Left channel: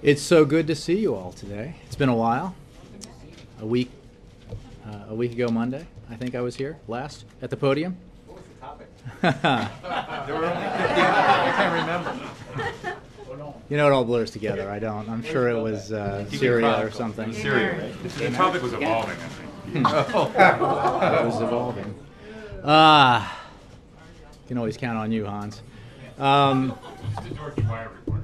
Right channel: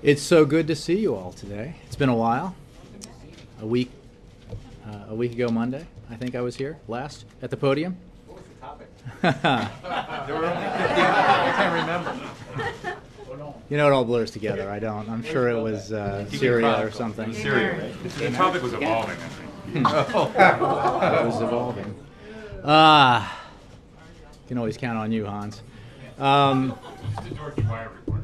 It's so good to see you all today. It's been a while. A week ago Monday, I think I was here last at the podium. What was the topic? There were only 50. I can't remember. You know, it all blurs together. I don't. I'm sure it was Syria or something. Syria, right? The topic was evolving, I think. It was evolving. Can always count on you, Hans. Just a George Wire report.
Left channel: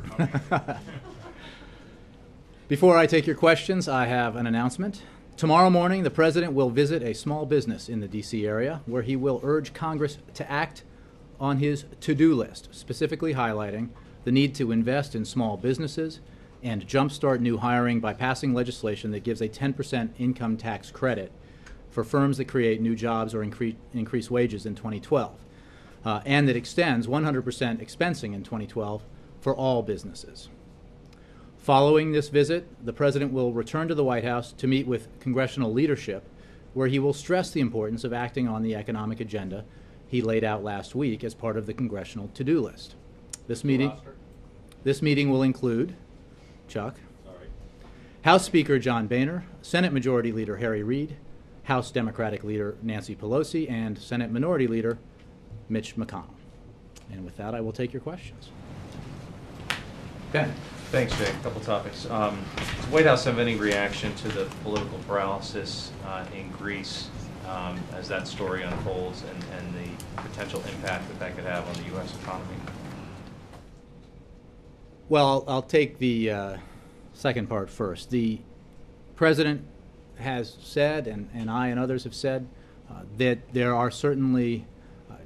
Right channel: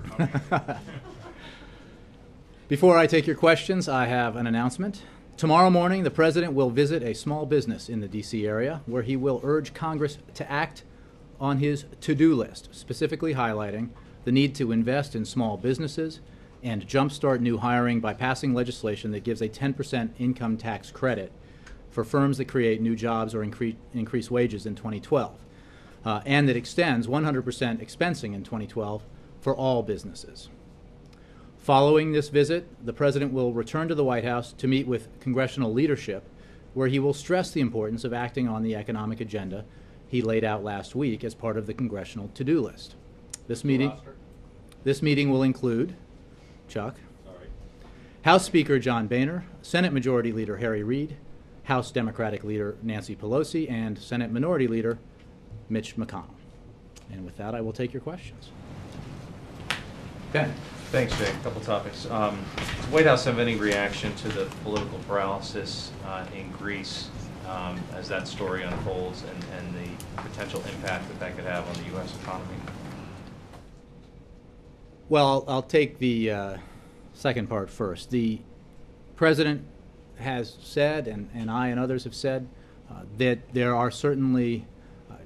Before I take your questions, I have an announcement. Tomorrow morning, the President will visit a small business in the D.C. area where he will urge Congress to act on his to-do list, specifically highlighting the need to invest in small businesses and jumpstart new hiring by passing legislation that gives a 10% income tax credit for firms that create new jobs or increase wages in 2012, and that extends 100% expensing in 2012 for all businesses. Following this visit, the President will return to the White House to meet with congressional leadership, where he will stress the importance of acting on the economic agenda he laid out last week as part of the congressional to-do list. This meeting will include Chuck, House Speaker John Boehner, Senate Majority Leader Harry Reid, House Democratic Leader Nancy Pelosi, and Senate Minority Leader Mitch McConnell. And with that, I will take your questions. Ben. Thanks, Jay. A couple topics. Does the White House have any reaction to the political paralysis in Greece as that story unfolds and the potential impact that could have on the U.S. economy? Well, I'll take the second part first. The President has said, and I and others have said, that there are certainly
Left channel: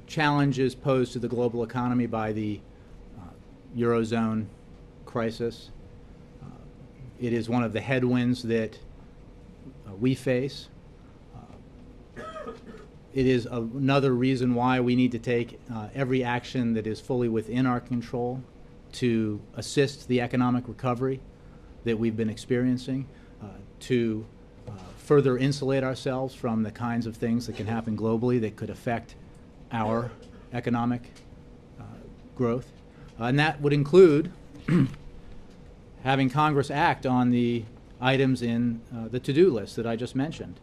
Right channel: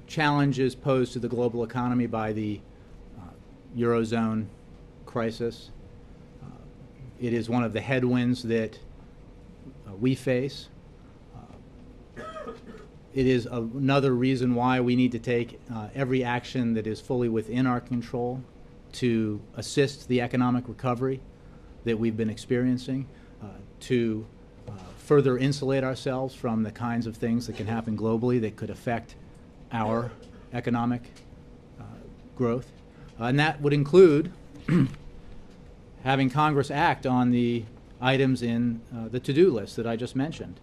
challenges posed to the global economy by the Eurozone crisis. It is one of the headwinds that we face. It is another reason why we need to take every action that is fully within our control to assist the economic recovery that we've been experiencing, to further insulate ourselves from the kinds of things that can happen globally that could affect our economic growth. And that would include having Congress act on the items in the to-do list that I just mentioned,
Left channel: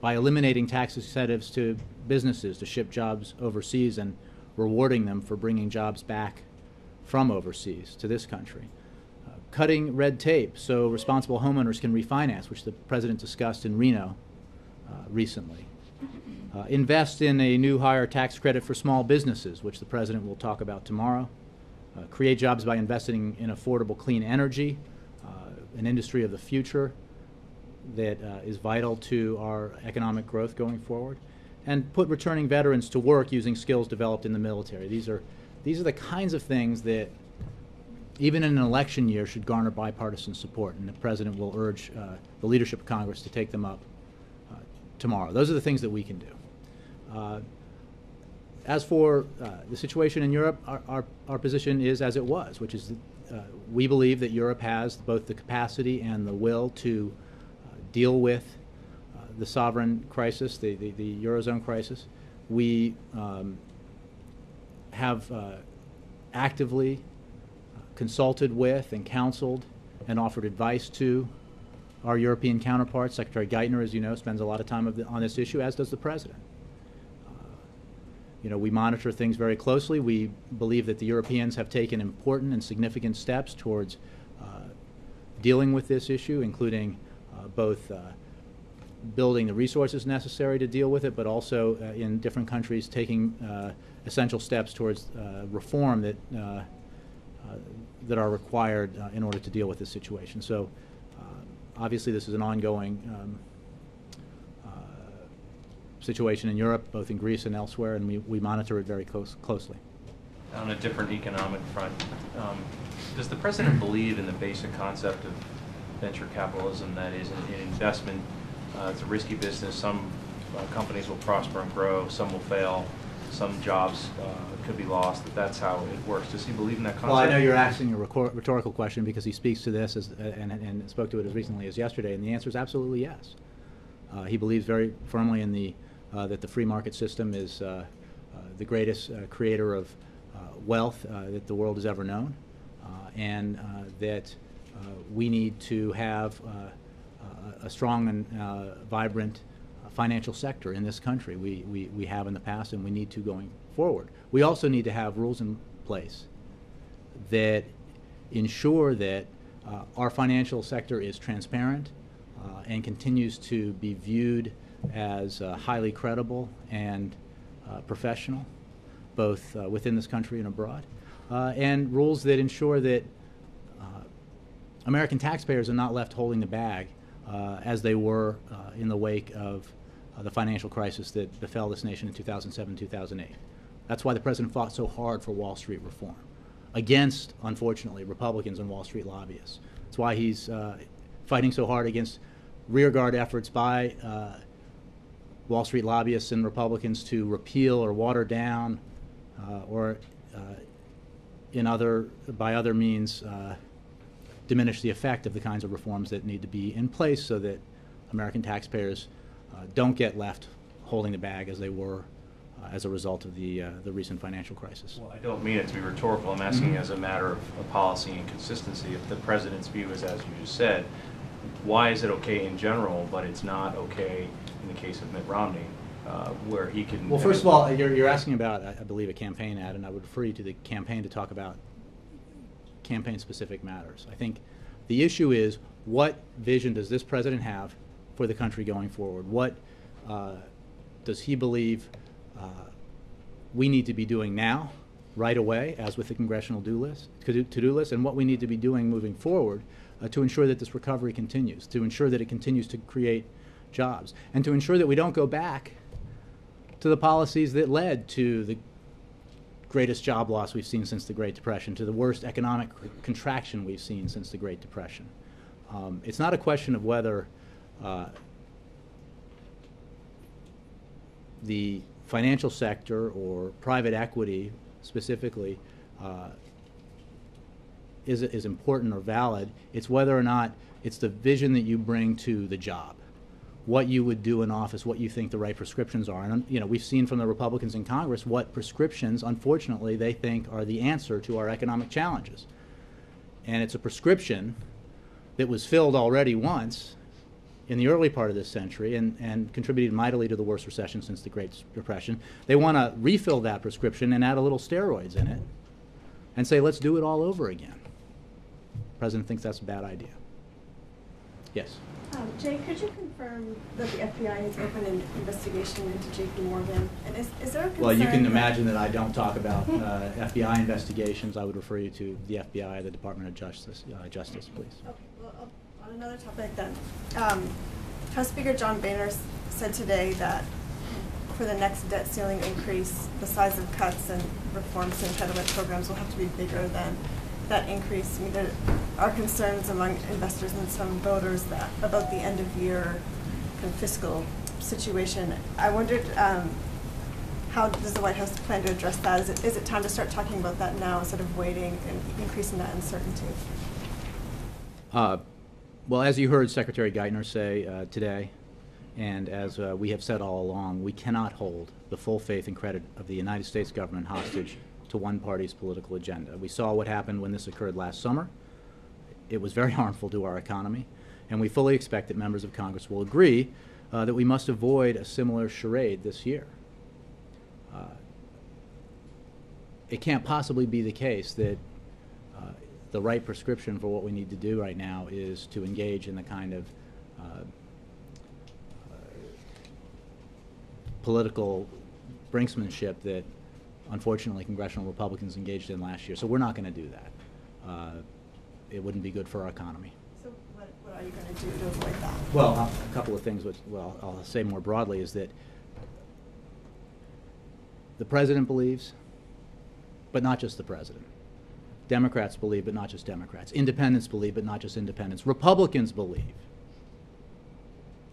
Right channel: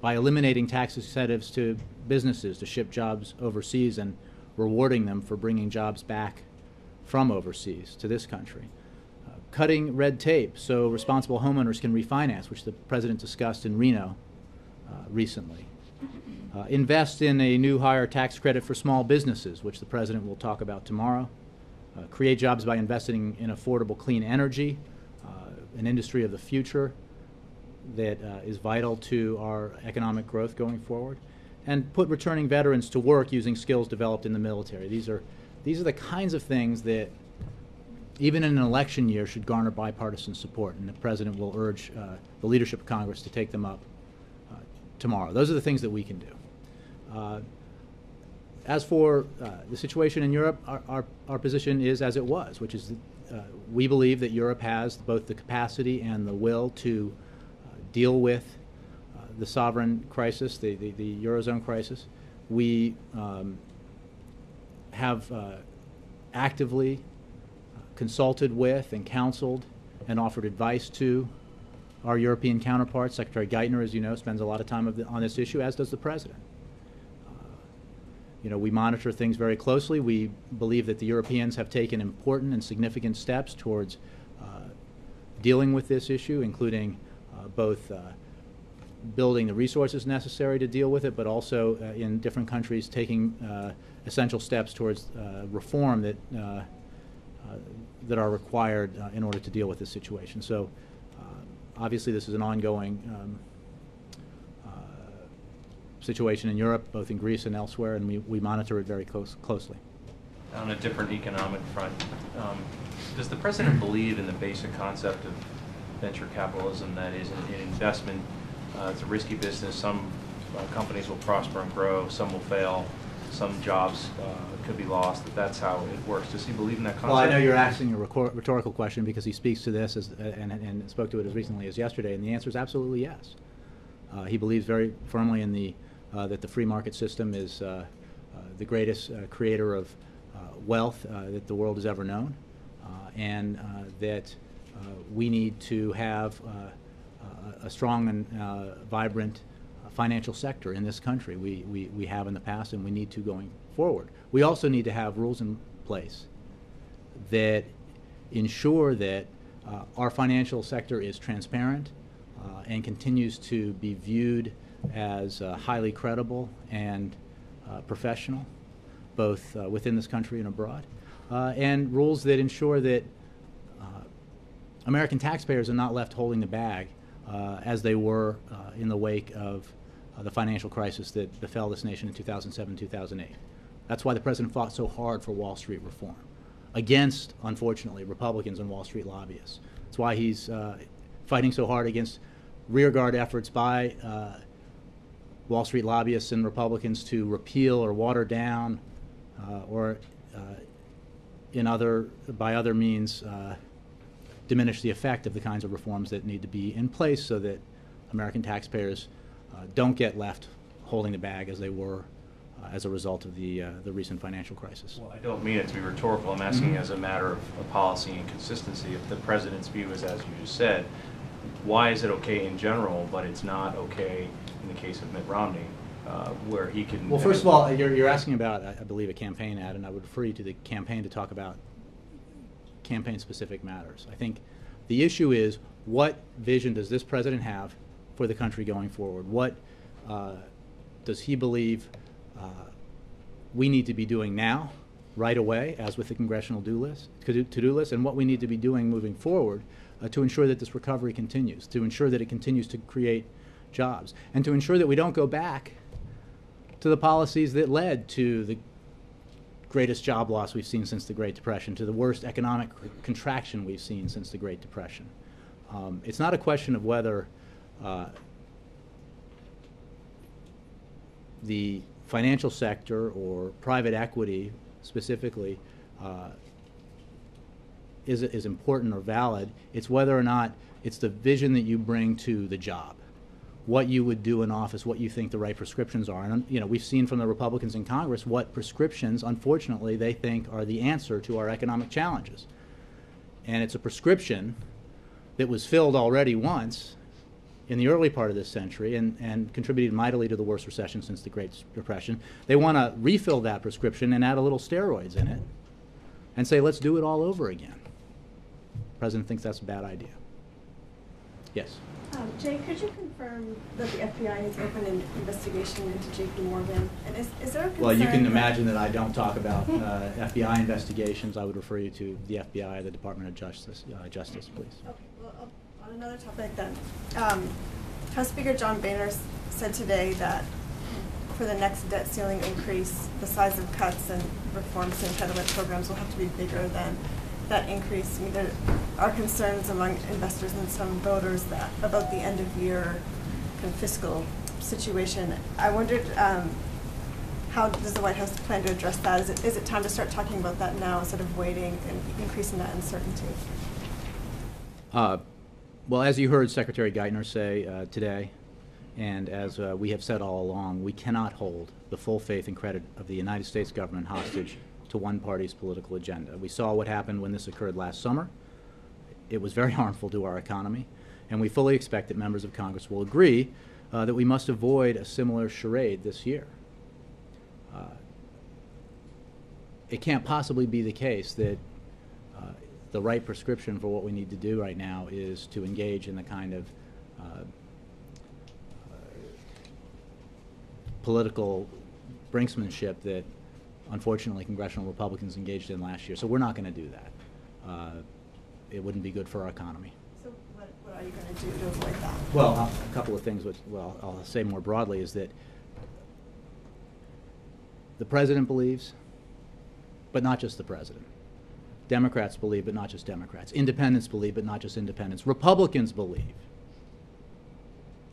by eliminating tax incentives to businesses to ship jobs overseas and rewarding them for bringing jobs back from overseas to this country. Cutting red tape so responsible homeowners can refinance, which the President discussed in Reno recently. Invest in a new higher tax credit for small businesses, which the President will talk about tomorrow. Create jobs by investing in affordable clean energy, an industry of the future that is vital to our economic growth going forward. And put returning veterans to work using skills developed in the military. These are the kinds of things that, even in an election year, should garner bipartisan support, and the President will urge the leadership of Congress to take them up tomorrow. Those are the things that we can do. As for the situation in Europe, our position is as it was, which is we believe that Europe has both the capacity and the will to deal with the sovereign crisis, the Eurozone crisis. We have actively consulted with and counseled and offered advice to our European counterparts. Secretary Geithner, as you know, spends a lot of time on this issue, as does the President. We monitor things very closely. We believe that the Europeans have taken important and significant steps towards dealing with this issue, including both building the resources necessary to deal with it, but also in different countries taking essential steps towards reform that are required in order to deal with this situation. So obviously this is an ongoing situation in Europe, both in Greece and elsewhere, and we monitor it very closely. On a different economic front, does the President believe in the basic concept of venture capitalism, that is, an investment? It's a risky business. Some companies will prosper and grow, some will fail, some jobs could be lost. That's how it works. Does he believe in that concept? Well, I know you're asking a rhetorical question because he speaks to this and spoke to it as recently as yesterday, and the answer is absolutely yes. He believes very firmly in that the free market system is the greatest creator of wealth that the world has ever known, and that we need to have a strong and vibrant financial sector in this country. We have in the past, and we need to going forward. We also need to have rules in place that ensure that our financial sector is transparent and continues to be viewed as highly credible and professional, both within this country and abroad, and rules that ensure that American taxpayers are not left holding the bag as they were in the wake of the financial crisis that befell this nation in 2007, 2008. That's why the president fought so hard for Wall Street reform against, unfortunately, Republicans and Wall Street lobbyists. That's why he's fighting so hard against rearguard efforts by Wall Street lobbyists and Republicans to repeal or water down or by other means diminish the effect of the kinds of reforms that need to be in place so that American taxpayers don't get left holding the bag as they were as a result of the recent financial crisis. Well, I don't mean it to be rhetorical. I'm asking as a matter of policy and consistency. If the president's view is as you just said, why is it okay in general, but it's not okay in the case of Mitt Romney, where he can... Well, first of all, you're asking about, I believe, a campaign ad, and I would refer you to the campaign to talk about campaign-specific matters. I think the issue is, what vision does this president have for the country going forward? What does he believe we need to be doing now, right away, as with the congressional to-do list, and what we need to be doing moving forward to ensure that this recovery continues, to ensure that it continues to create jobs, and to ensure that we don't go back to the policies that led to the greatest job loss we've seen since the Great Depression, to the worst economic contraction we've seen since the Great Depression. It's not a question of whether the financial sector or private equity specifically is important or valid. It's whether or not it's the vision that you bring to the job, what you would do in office, what you think the right prescriptions are. And we've seen from the Republicans in Congress what prescriptions, unfortunately, they think are the answer to our economic challenges. And it's a prescription that was filled already once in the early part of this century and contributed mightily to the worst recession since the Great Depression. They want to refill that prescription and add a little steroids in it and say, let's do it all over again. The president thinks that's a bad idea. Yes? Jay, could you confirm that the FBI has opened an investigation into J.P. Morgan? And is there a concern? Well, you can imagine that I don't talk about FBI investigations. I would refer you to the FBI, the Department of Justice, please. Okay, well, on another topic then, House Speaker John Boehner said today that for the next debt ceiling increase, the size of cuts and reforms to entitlement programs will have to be bigger than that increase. I mean, there are concerns among investors and some voters about the end of year kind of fiscal situation. I wondered, how does the White House plan to address that? Is it time to start talking about that now instead of waiting and increasing that uncertainty? Well, as you heard Secretary Geithner say today, and as we have said all along, we cannot hold the full faith and credit of the United States government hostage to one party's political agenda. We saw what happened when this occurred last summer. It was very harmful to our economy, and we fully expect that members of Congress will agree that we must avoid a similar charade this year. It can't possibly be the case that the right prescription for what we need to do right now is to engage in the kind of political brinksmanship that unfortunately congressional Republicans engaged in last year. So we're not going to do that. It wouldn't be good for our economy. So what are you going to do to avoid that? Well, a couple of things, which, well, I'll say more broadly, is that the president believes, but not just the president. Democrats believe, but not just Democrats. Independents believe, but not just independents. Republicans believe,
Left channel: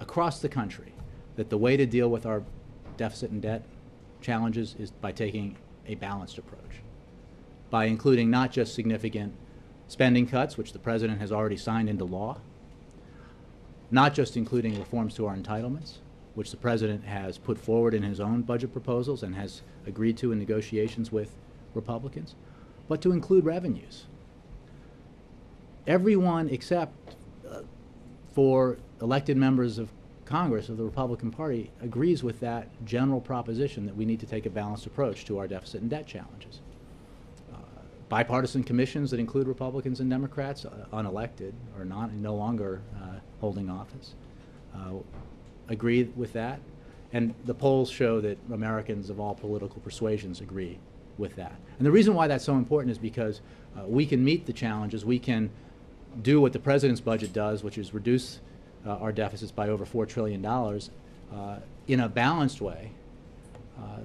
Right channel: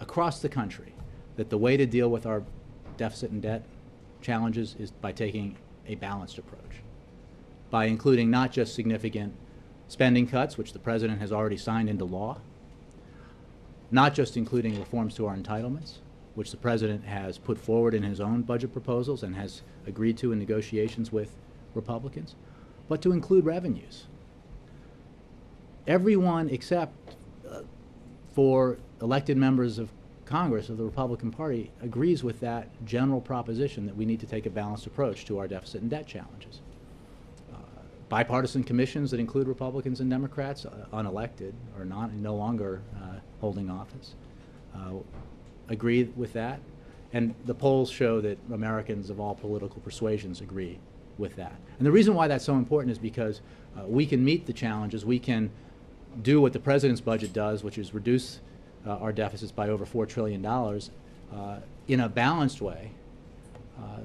across the country, that the way to deal with our deficit and debt challenges is by taking a balanced approach, by including not just significant spending cuts, which the president has already signed into law, not just including reforms to our entitlements, which the president has put forward in his own budget proposals and has agreed to in negotiations with Republicans, but to include revenues, everyone except for elected members of Congress of the Republican Party agrees with that general proposition that we need to take a balanced approach to our deficit and debt challenges. Bipartisan commissions that include Republicans and Democrats, unelected or no longer holding office, agree with that. And the polls show that Americans of all political persuasions agree with that. And the reason why that's so important is because we can meet the challenges. We can do what the president's budget does, which is reduce our deficits by over $4 trillion in a balanced way,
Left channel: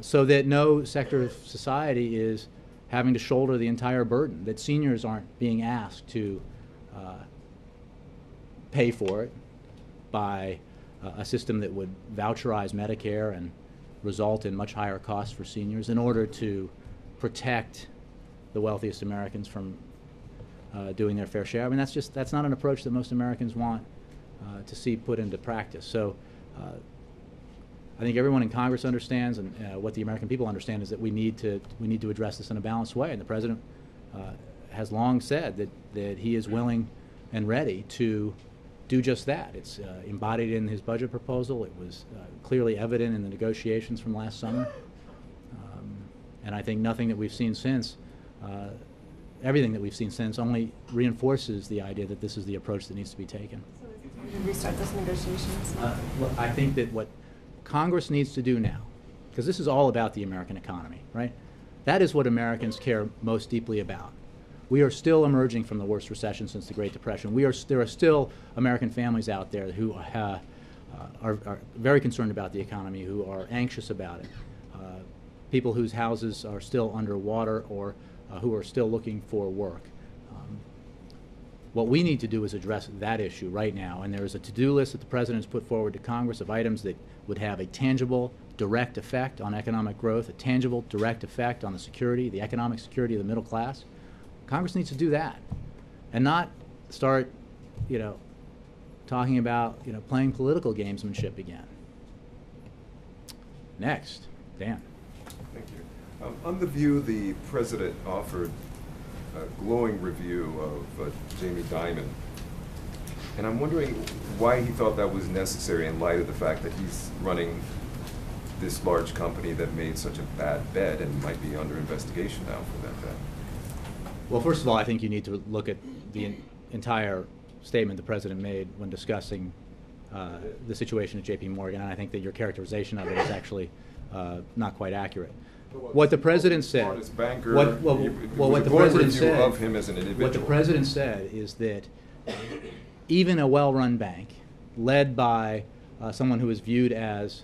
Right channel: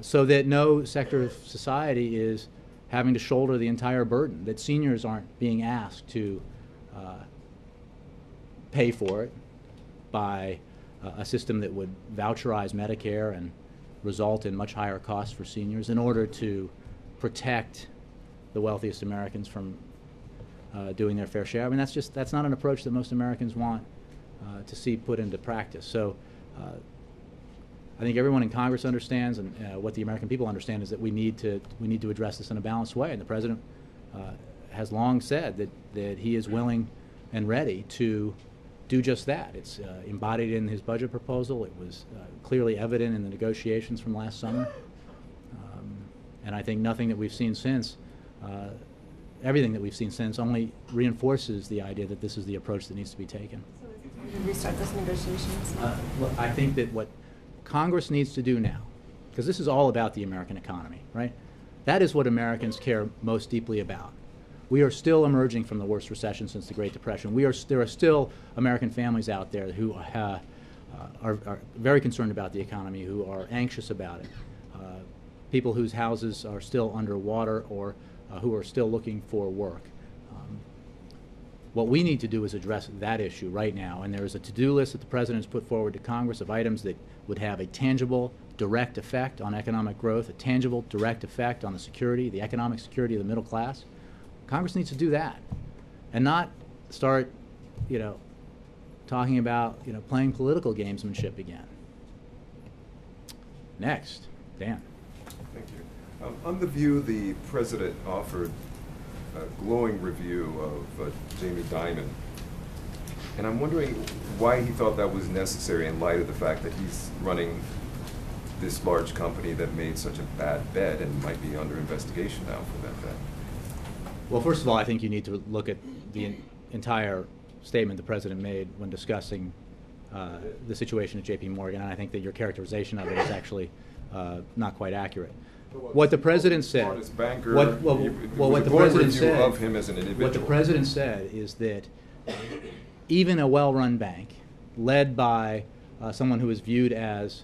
so that no sector of society is having to shoulder the entire burden, that seniors aren't being asked to pay for it by a system that would voucherize Medicare and result in much higher costs for seniors in order to protect the wealthiest Americans from doing their fair share. I mean, that's not an approach that most Americans want to see put into practice. So I think everyone in Congress understands, and what the American people understand is that we need to address this in a balanced way. And the president has long said that he is willing and ready to do just that. It's embodied in his budget proposal. It was clearly evident in the negotiations from last summer. And I think nothing that we've seen since, everything that we've seen since, only reinforces the idea that this is the approach that needs to be taken. So we restart those negotiations? Well, I think that what Congress needs to do now, because this is all about the American economy, right? That is what Americans care most deeply about. We are still emerging from the worst recession since the Great Depression. There are still American families out there who are very concerned about the economy, who are anxious about it. People whose houses are still underwater or who are still looking for work. What we need to do is address that issue right now, and there is a to-do list that the President has put forward to Congress of items that would have a tangible, direct effect on economic growth, a tangible, direct effect on the economic security of the middle class. Congress needs to do that, and not start, talking about, playing political gamesmanship again. Next, Dan. Thank you. On the View, the president offered a glowing review of Jamie Dimon, and I'm wondering why he thought that was necessary in light of the fact that he's running this large company that made such a bad bet and might be under investigation now for that bet. Well, first of all, I think you need to look at the entire statement the president made when discussing the situation at J.P. Morgan, and I think that your characterization of it is actually not quite accurate. What the president said, what the president said is that even a well-run bank, led by someone who is viewed as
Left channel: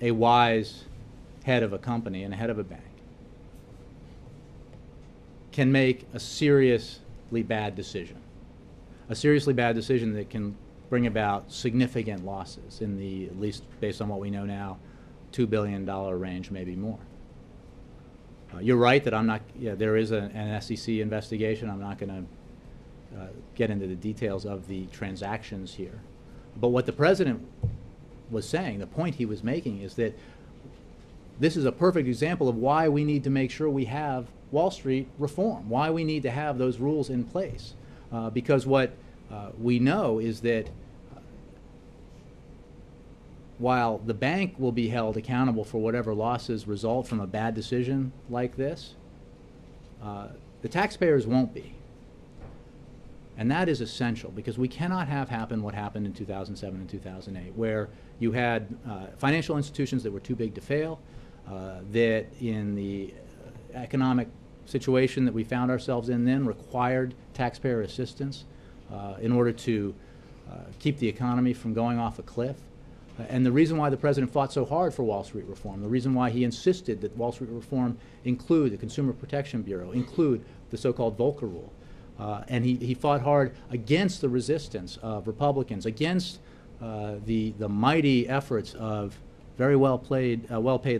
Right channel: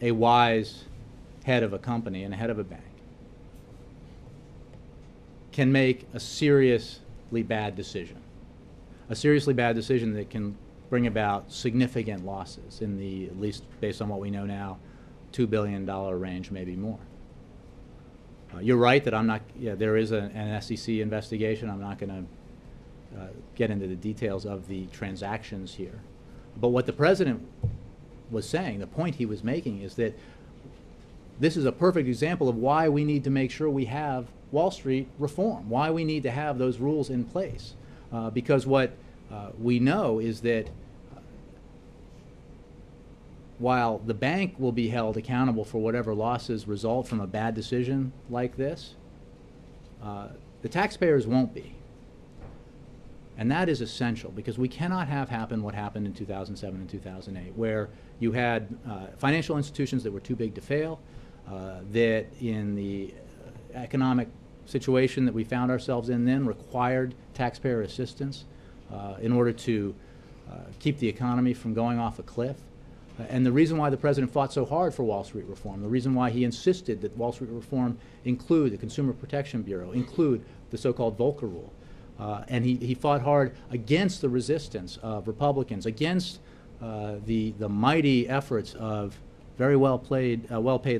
a wise head of a company and a head of a bank, can make a seriously bad decision. A seriously bad decision that can bring about significant losses in the, at least based on what we know now, $2 billion range, maybe more. You're right that I'm not, there is an SEC investigation. I'm not going to get into the details of the transactions here. But what the president was saying, the point he was making, is that this is a perfect example of why we need to make sure we have Wall Street reform, why we need to have those rules in place. Because what we know is that while the bank will be held accountable for whatever losses result from a bad decision like this, the taxpayers won't be. And that is essential, because we cannot have happen what happened in 2007 and 2008, where you had financial institutions that were too big to fail, that in the economic situation that we found ourselves in then required taxpayer assistance in order to keep the economy from going off a cliff. And the reason why the president fought so hard for Wall Street reform, the reason why he insisted that Wall Street reform include the Consumer Protection Bureau, include the so-called Volcker Rule, and he fought hard against the resistance of Republicans, against the mighty efforts of very well-paid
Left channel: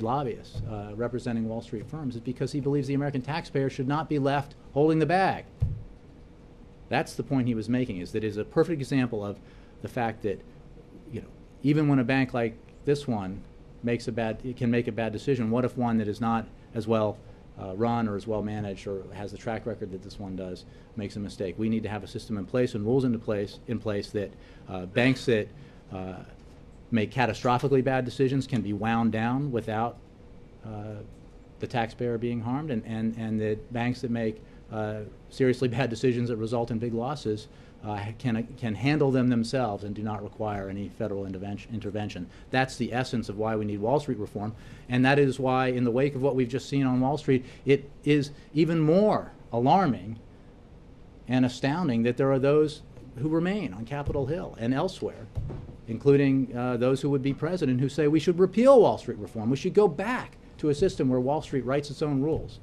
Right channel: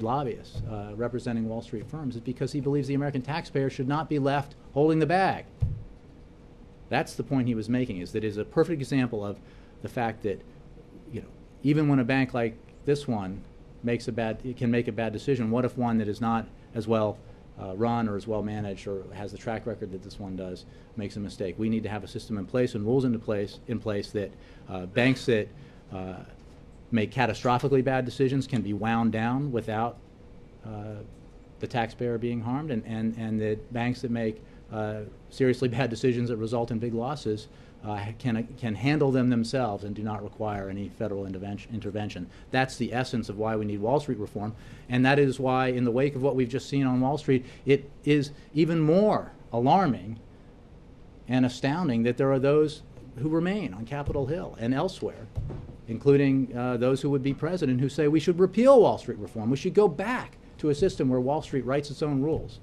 lobbyists representing Wall Street firms, is because he believes the American taxpayer should not be left holding the bag. That's the point he was making, is that it is a perfect example of the fact that, even when a bank like this one can make a bad decision, what if one that is not as well run or is well managed or has the track record that this one does makes a mistake. We need to have a system in place and rules in place that banks that make catastrophically bad decisions can be wound down without the taxpayer being harmed, and that banks that make seriously bad decisions that result in big losses can handle them themselves and do not require any federal intervention. That's the essence of why we need Wall Street reform, and that is why, in the wake of what we've just seen on Wall Street, it is even more alarming and astounding that there are those who remain on Capitol Hill and elsewhere, including those who would be president, who say we should repeal Wall Street reform. We should go back to a system where Wall Street writes its own rules,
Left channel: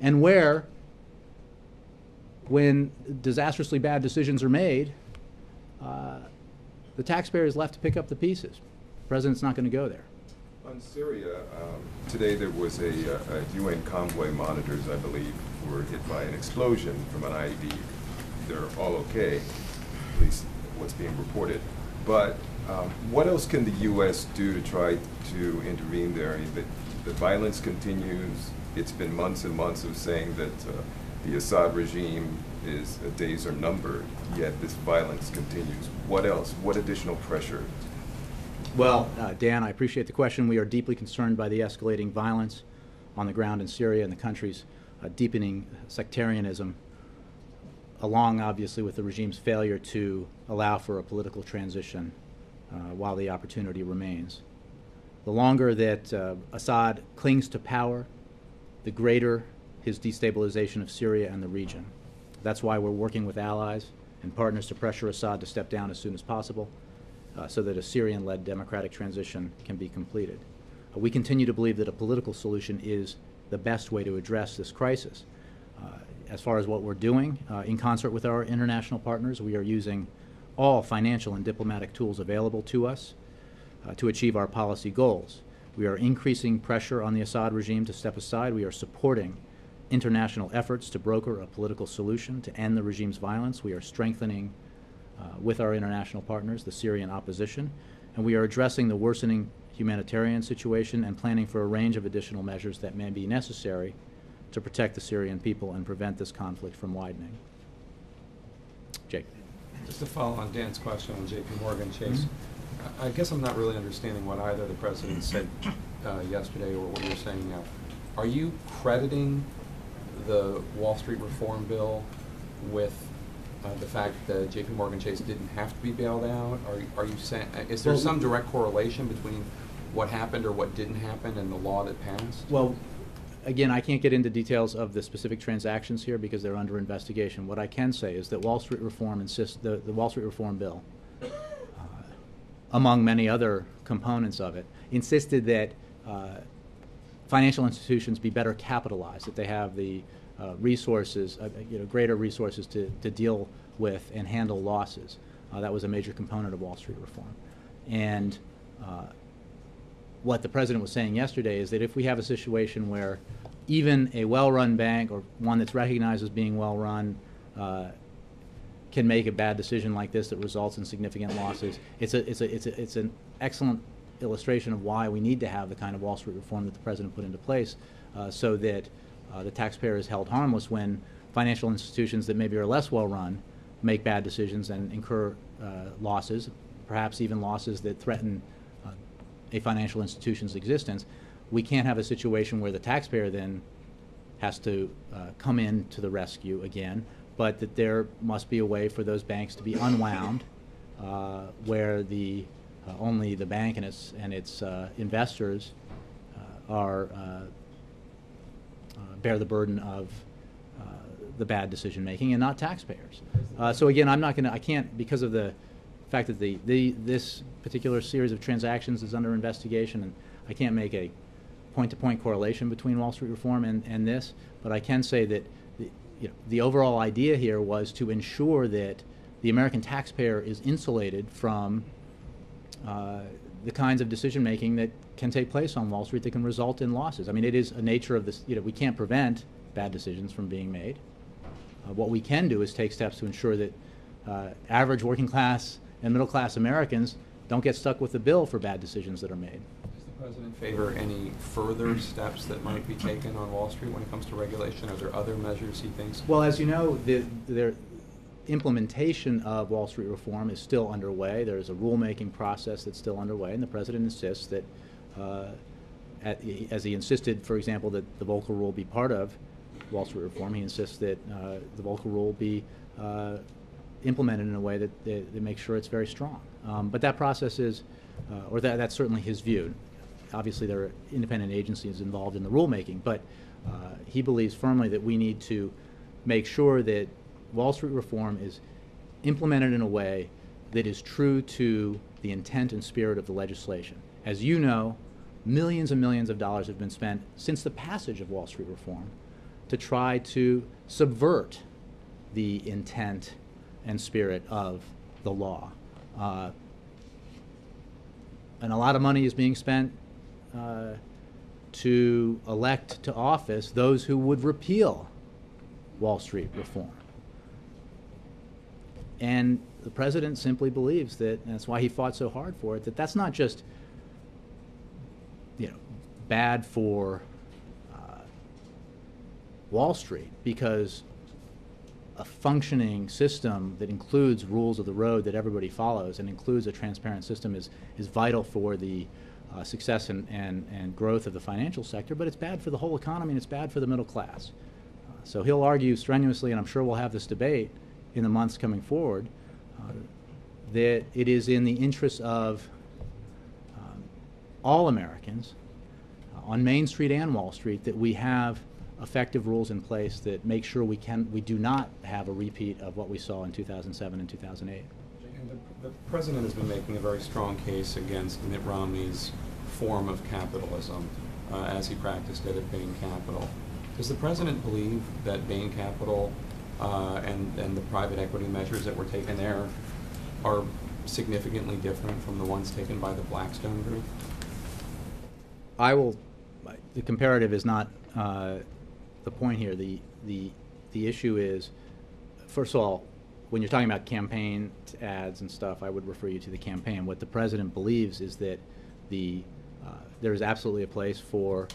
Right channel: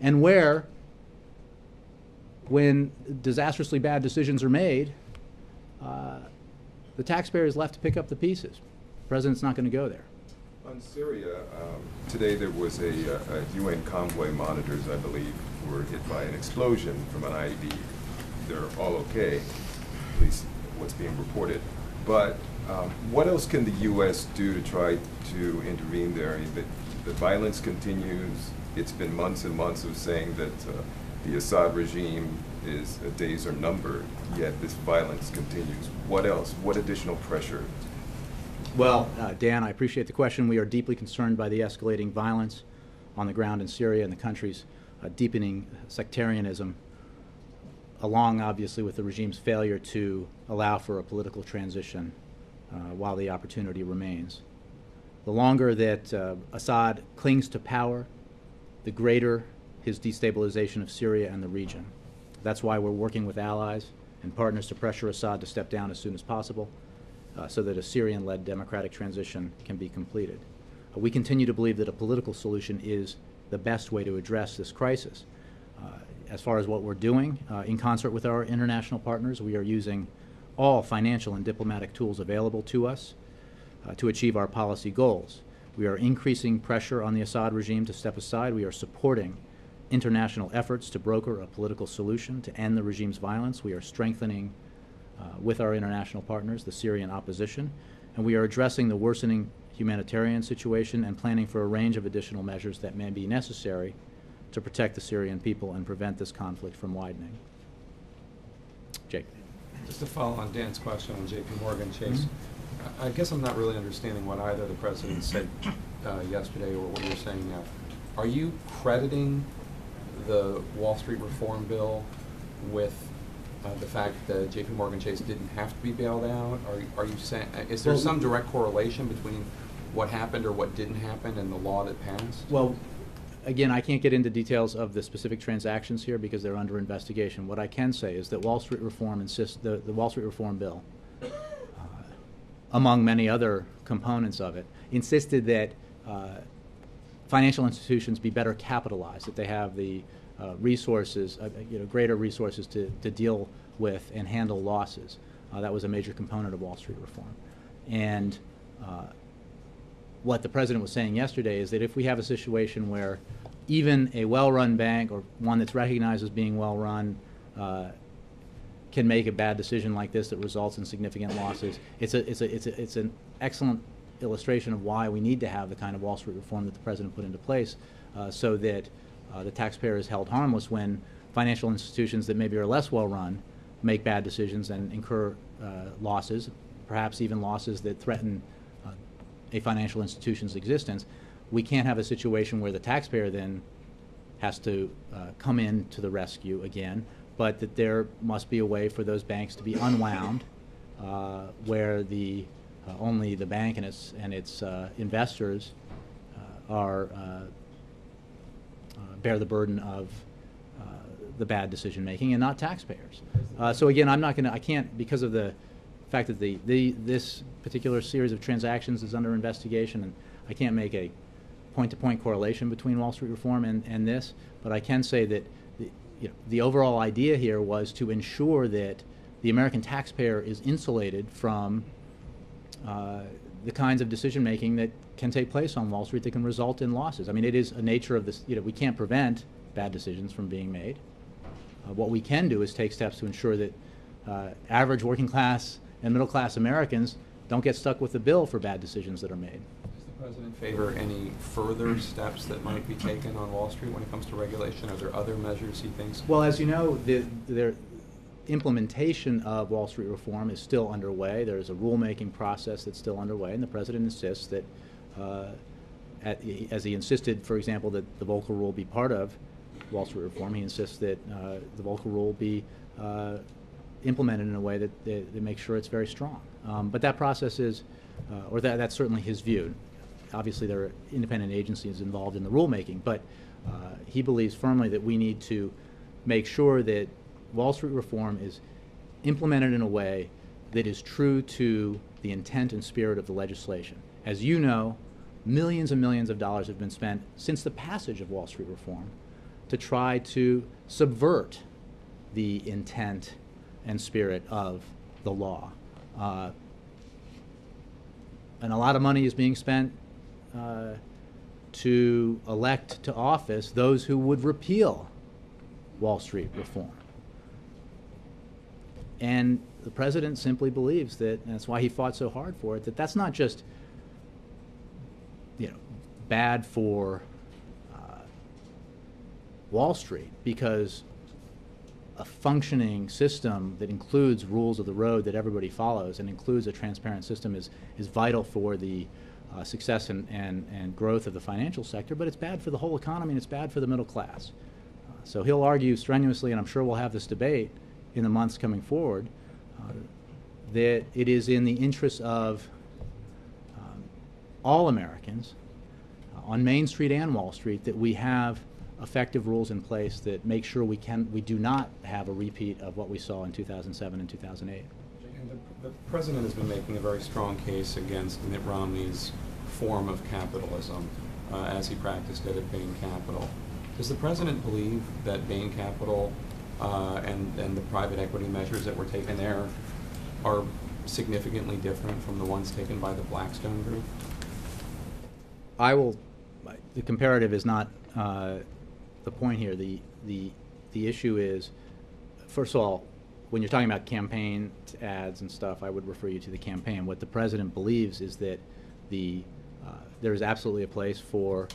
and where, when disastrously bad decisions are made, the taxpayer is left to pick up the pieces. The president's not going to go there. On Syria, today there was a UN convoy monitors, I believe, were hit by an explosion from an IED. They're all okay, at least what's being reported. But what else can the U.S. do to try to intervene there? I mean, the violence continues. It's been months and months of saying that the Assad regime days are numbered, yet this violence continues. What else? What additional pressure? Well, Dan, I appreciate the question. We are deeply concerned by the escalating violence on the ground in Syria and the country's deepening sectarianism, along, obviously, with the regime's failure to allow for a political transition while the opportunity remains. The longer that Assad clings to power, the greater his destabilization of Syria and the region. That's why we're working with allies and partners to pressure Assad to step down as soon as possible so that a Syrian-led democratic transition can be completed. We continue to believe that a political solution is the best way to address this crisis. As far as what we're doing, in concert with our international partners, we are using all financial and diplomatic tools available to us to achieve our policy goals. We are increasing pressure on the Assad regime to step aside. We are supporting international efforts to broker a political solution to end the regime's violence. We are strengthening, with our international partners, the Syrian opposition, and we are addressing the worsening humanitarian situation and planning for a range of additional measures that may be necessary to protect the Syrian people and prevent this conflict from widening. Jake. Just to follow on Dan's question on J.P. Morgan Chase, I guess I'm not really understanding what either the president said yesterday or what you're saying now. Are you crediting the Wall Street reform bill with the fact that J.P. Morgan Chase didn't have to be bailed out? Are you saying, is there some direct correlation between what happened or what didn't happen and the law that passed? Well, again, I can't get into details of the specific transactions here because they're under investigation. What I can say is that Wall Street reform the Wall Street reform bill, among many other components of it, insisted that financial institutions be better capitalized, that they have the resources, greater resources to deal with and handle losses. That was a major component of Wall Street reform. And what the president was saying yesterday is that if we have a situation where even a well-run bank or one that's recognized as being well-run can make a bad decision like this that results in significant losses, it's an excellent illustration of why we need to have the kind of Wall Street reform that the president put into place so that the taxpayer is held harmless when financial institutions that maybe are less well-run make bad decisions and incur losses, perhaps even losses that threaten a financial institution's existence. We can't have a situation where the taxpayer then has to come in to the rescue again, but that there must be a way for those banks to be unwound where only the bank and its investors bear the burden of the bad decision making and not taxpayers. So again, I can't, because of the fact that this particular series of transactions is under investigation, and I can't make a point-to-point correlation between Wall Street reform and this, but I can say that the overall idea here was to ensure that the American taxpayer is insulated from the kinds of decision-making that can take place on Wall Street that can result in losses. I mean, it is a nature of this, we can't prevent bad decisions from being made. What we can do is take steps to ensure that average working class and middle class Americans don't get stuck with the bill for bad decisions that are made. Is the President favor any further steps that might be taken on Wall Street when it comes to regulation? Are there other measures he thinks? Well, as you know, the implementation of Wall Street reform is still underway. There is a rulemaking process that's still underway, and the President insists that, as he insisted, for example, that the Volcker Rule be part of Wall Street reform, he insists that the Volcker Rule be implemented in a way that makes sure it's very strong. But that process is, or that's certainly his view. Obviously, there are independent agencies involved in the rulemaking, but he believes firmly that we need to make sure that Wall Street reform is implemented in a way that is true to the intent and spirit of the legislation. As you know, millions and millions of dollars have been spent since the passage of Wall Street reform to try to subvert the intent and spirit of the law. And a lot of money is being spent to elect to office those who would repeal Wall Street reform. And the President simply believes that, and that's why he fought so hard for it, that that's not just bad for Wall Street, because a functioning system that includes rules of the road that everybody follows and includes a transparent system is vital for the success and growth of the financial sector, but it's bad for the whole economy and it's bad for the middle class. So he'll argue strenuously, and I'm sure we'll have this debate in the months coming forward, that it is in the interest of all Americans on Main Street and Wall Street that we have effective rules in place that make sure we do not have a repeat of what we saw in 2007 and 2008. And the President has been making a very strong case against Mitt Romney's form of capitalism as he practiced it at Bain Capital. Does the President believe that Bain Capital and the private equity measures that were taken there are significantly different from the ones taken by the Blackstone Group? The comparative is not the point here. The issue is, first of all, when you're talking about campaign ads and stuff, I would refer you to the campaign. What the President believes is that there is absolutely a place for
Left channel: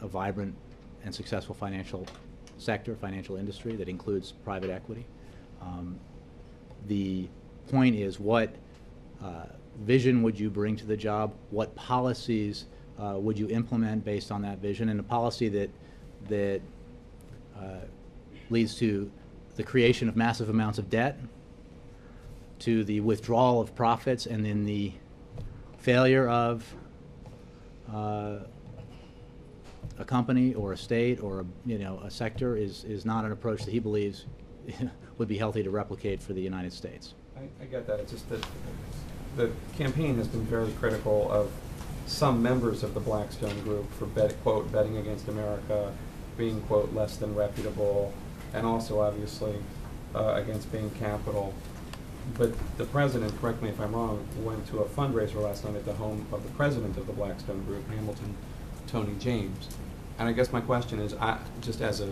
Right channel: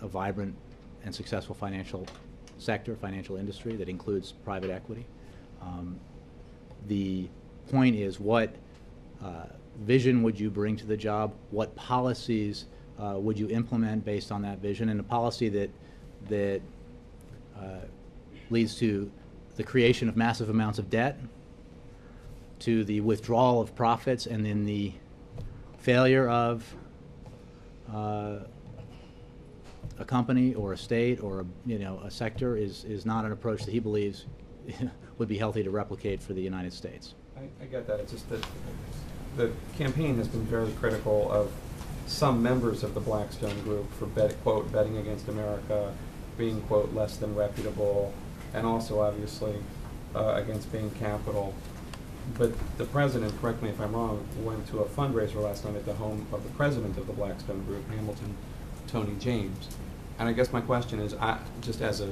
a vibrant and successful financial sector, financial industry that includes private equity. The point is, what vision would you bring to the job? What policies would you implement based on that vision? And a policy that leads to the creation of massive amounts of debt, to the withdrawal of profits, and then the failure of a company or a state or a sector is not an approach that he believes would be healthy to replicate for the United States. I get that. It's just that the campaign has been very critical of some members of the Blackstone Group for, quote, betting against America, being, quote, less than reputable, and also, obviously, against Bain Capital. But the President, correct me if I'm wrong, went to a fundraiser last night at the home of the President of the Blackstone Group, Hamilton, Tony James. And I guess my question is, just as an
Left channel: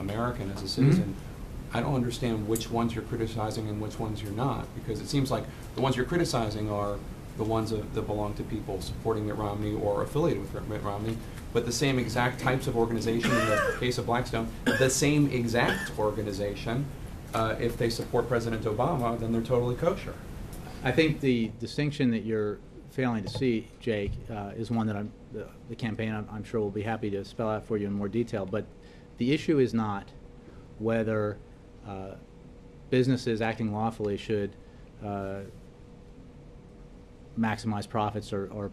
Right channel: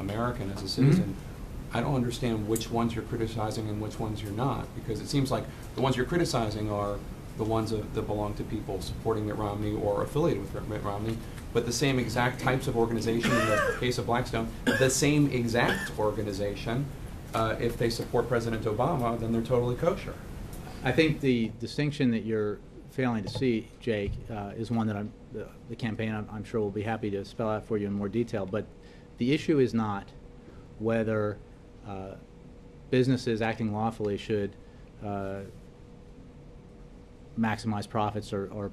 American, as a citizen, I don't understand which ones you're criticizing and which ones you're not, because it seems like the ones you're criticizing are the ones that belong to people supporting Mitt Romney or affiliated with Mitt Romney, but the same exact types of organization, in the case of Blackstone, the same exact organization, if they support President Obama, then they're totally kosher. I think the distinction that you're failing to see, Jake, is one that the campaign, I'm sure, will be happy to spell out for you in more detail, but the issue is not whether businesses acting lawfully should maximize profits or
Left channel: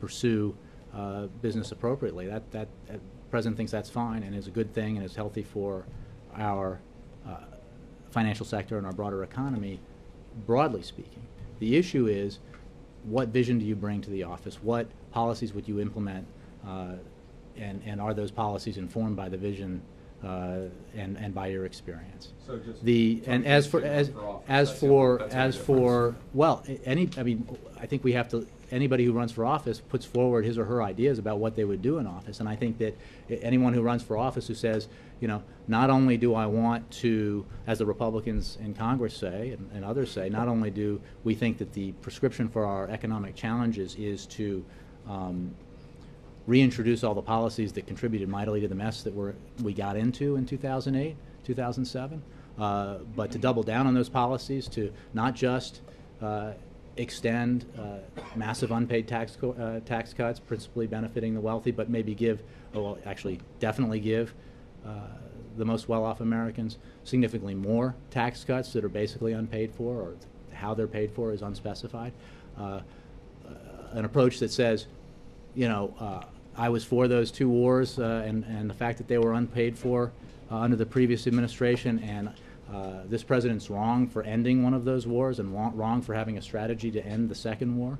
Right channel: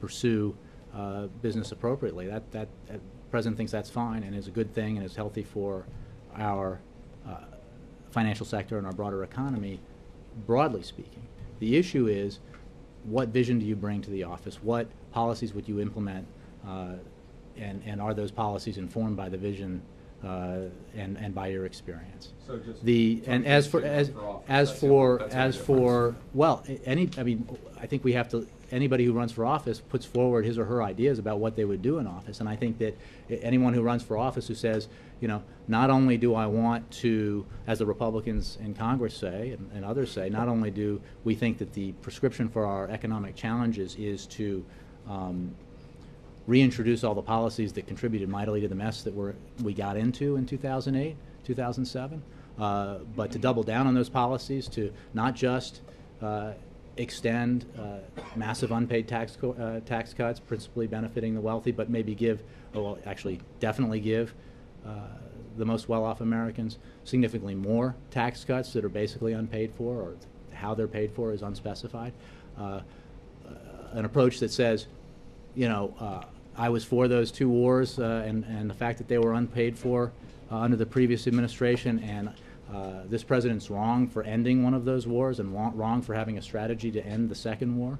pursue business appropriately. That the President thinks that's fine and is a good thing and is healthy for our financial sector and our broader economy, broadly speaking. The issue is, what vision do you bring to the office? What policies would you implement? And are those policies informed by the vision and by your experience? So just I think we have to anybody who runs for office puts forward his or her ideas about what they would do in office. And I think that anyone who runs for office who says, you know, not only do I want to, as the Republicans in Congress say and others say, not only do we think that the prescription for our economic challenges is to reintroduce all the policies that contributed mightily to the mess that we got into in 2008, 2007, but to double down on those policies, to not just extend massive unpaid tax cuts, principally benefiting the wealthy, but maybe give, or well, actually definitely give the most well-off Americans significantly more tax cuts that are basically unpaid for, or how they're paid for is unspecified. An approach that says, you know, I was for those two wars and the fact that they were unpaid for under the previous administration, and this president's wrong for ending one of those wars and wrong for having a strategy to end the second war.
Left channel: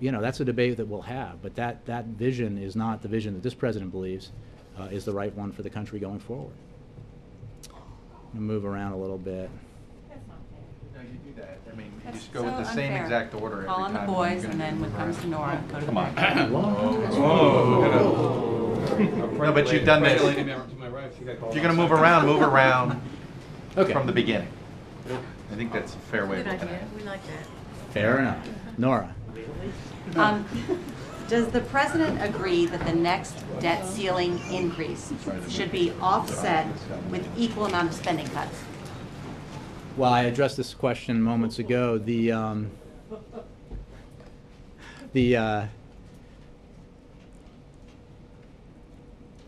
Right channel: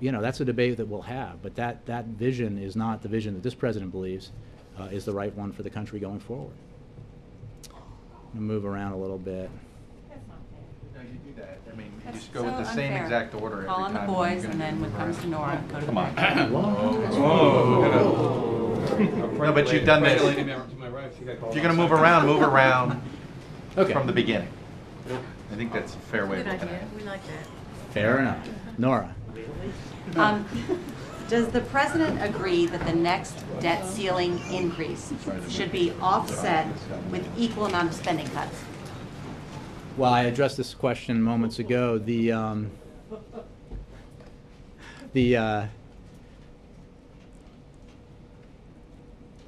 You know, that's a debate that we'll have, but that vision is not the vision that this president believes is the right one for the country going forward. I'm going to move around a little bit. No, you do that. I mean, you That's just go with so the same unfair. exact order Call every on time. the boys, and then when it comes to Nora, go to Come on. Whoa. No, but you've done this. Lady to my right, she got called If you're going to outside. move around Okay. from the beginning. I think that's a fair way of Good looking at idea. it. We like that. Fair enough. Nora. Does the president agree that the next debt ceiling increase should be offset with equal amount of spending cuts? Well, I addressed this question moments ago. The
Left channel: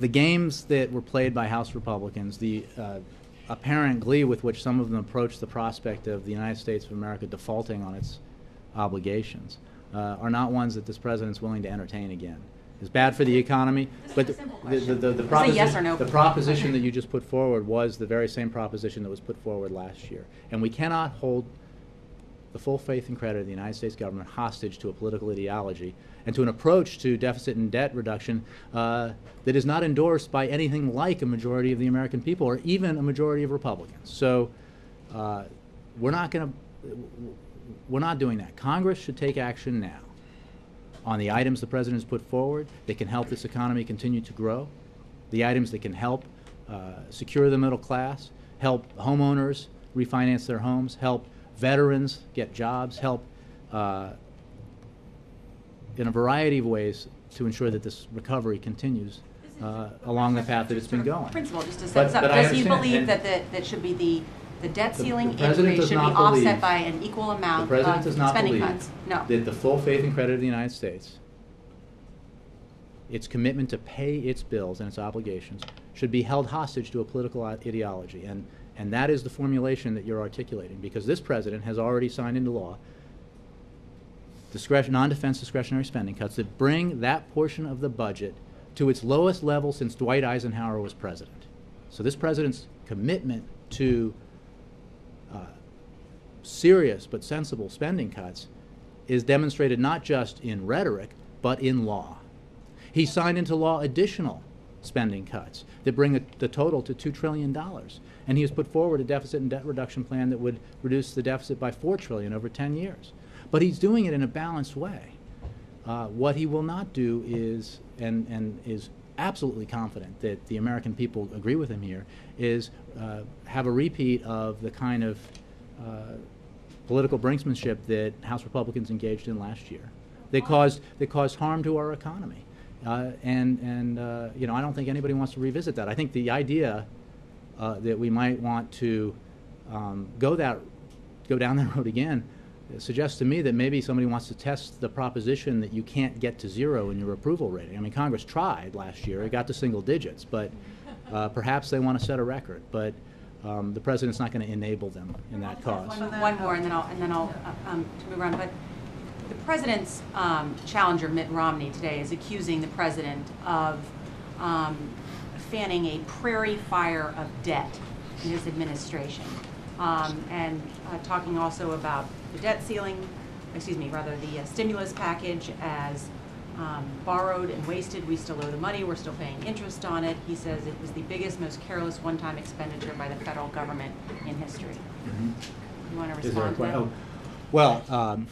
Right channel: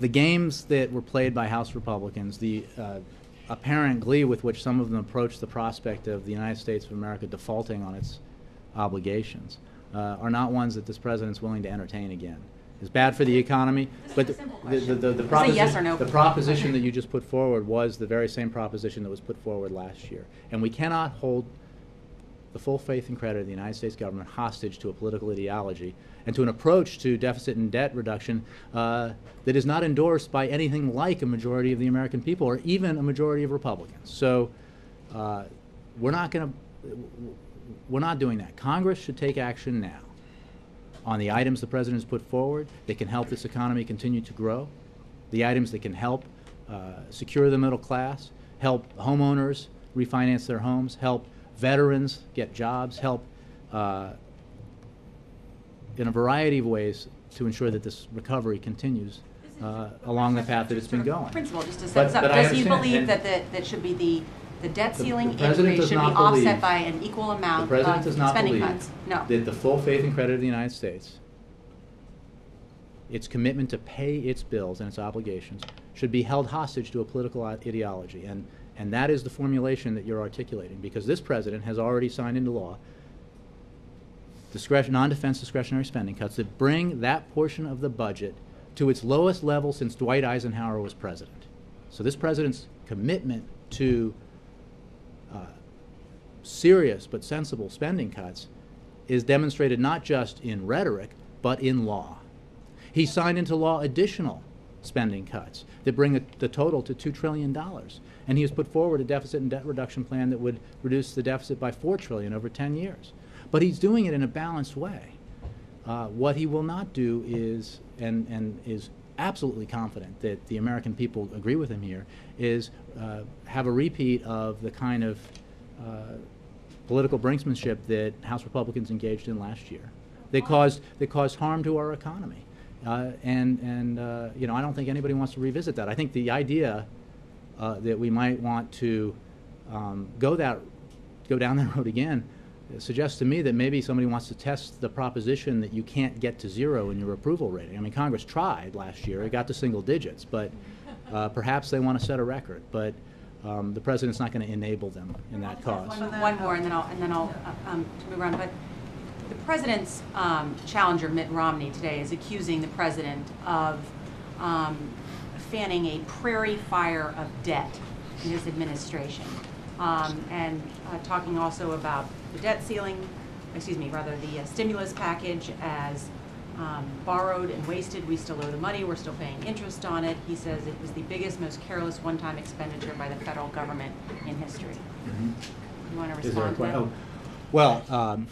games that were played by House Republicans, the apparent glee with which some of them approached the prospect of the United States of America defaulting on its obligations, are not ones that this president's willing to entertain again. It's bad for the economy, but the yes or no. proposition that you just put forward was the very same proposition that was put forward last year. And we cannot hold the full faith and credit of the United States government hostage to a political ideology and to an approach to deficit and debt reduction that is not endorsed by anything like a majority of the American people or even a majority of Republicans. So we're not doing that. Congress should take action now on the items the president has put forward that can help this economy continue to grow, the items that can help secure the middle class, help homeowners refinance their homes, help veterans get jobs, help in a variety of ways to ensure that this recovery continues along the path that it's been going. Principal, just to set this up, But I does he understand, believe that should be the debt ceiling the president increase does should be not believe- offset by an equal The amount president of does not spending believe cuts? No. that the full faith and credit of the United States, its commitment to pay its bills and its obligations, should be held hostage to a political ideology. And that is the formulation that you're articulating, because this president has already signed into law non-defense discretionary spending cuts that bring that portion of the budget to its lowest level since Dwight Eisenhower was president. So this president's commitment to serious but sensible spending cuts is demonstrated not just in rhetoric, but in law. He signed into law additional spending cuts that bring the total to $2 trillion. And he has put forward a deficit and debt reduction plan that would reduce the deficit by $4 trillion over 10 years. But he's doing it in a balanced way. What he will not do is, and is absolutely confident that the American people agree with him here, is have a repeat of the kind of political brinksmanship that House Republicans engaged in last year. They caused harm to our economy. You know, I don't think anybody wants to revisit that. I think the idea that we might want to go down that road again suggests to me that maybe somebody wants to test the proposition that you can't get to zero in your approval rating. I mean, Congress tried last year; it got to single digits, but perhaps they want to set a record. But the president's not going to enable them in that cause. One more, and then I'll to move around. But the president's challenger, Mitt Romney, today is accusing the president of fanning a prairie fire of debt in his administration, and talking also about the debt ceiling, the stimulus package as borrowed and wasted. We still owe the money. We're still paying interest on it. He says it was the biggest, most careless one-time expenditure by the federal government in history. You want to respond to that? Well,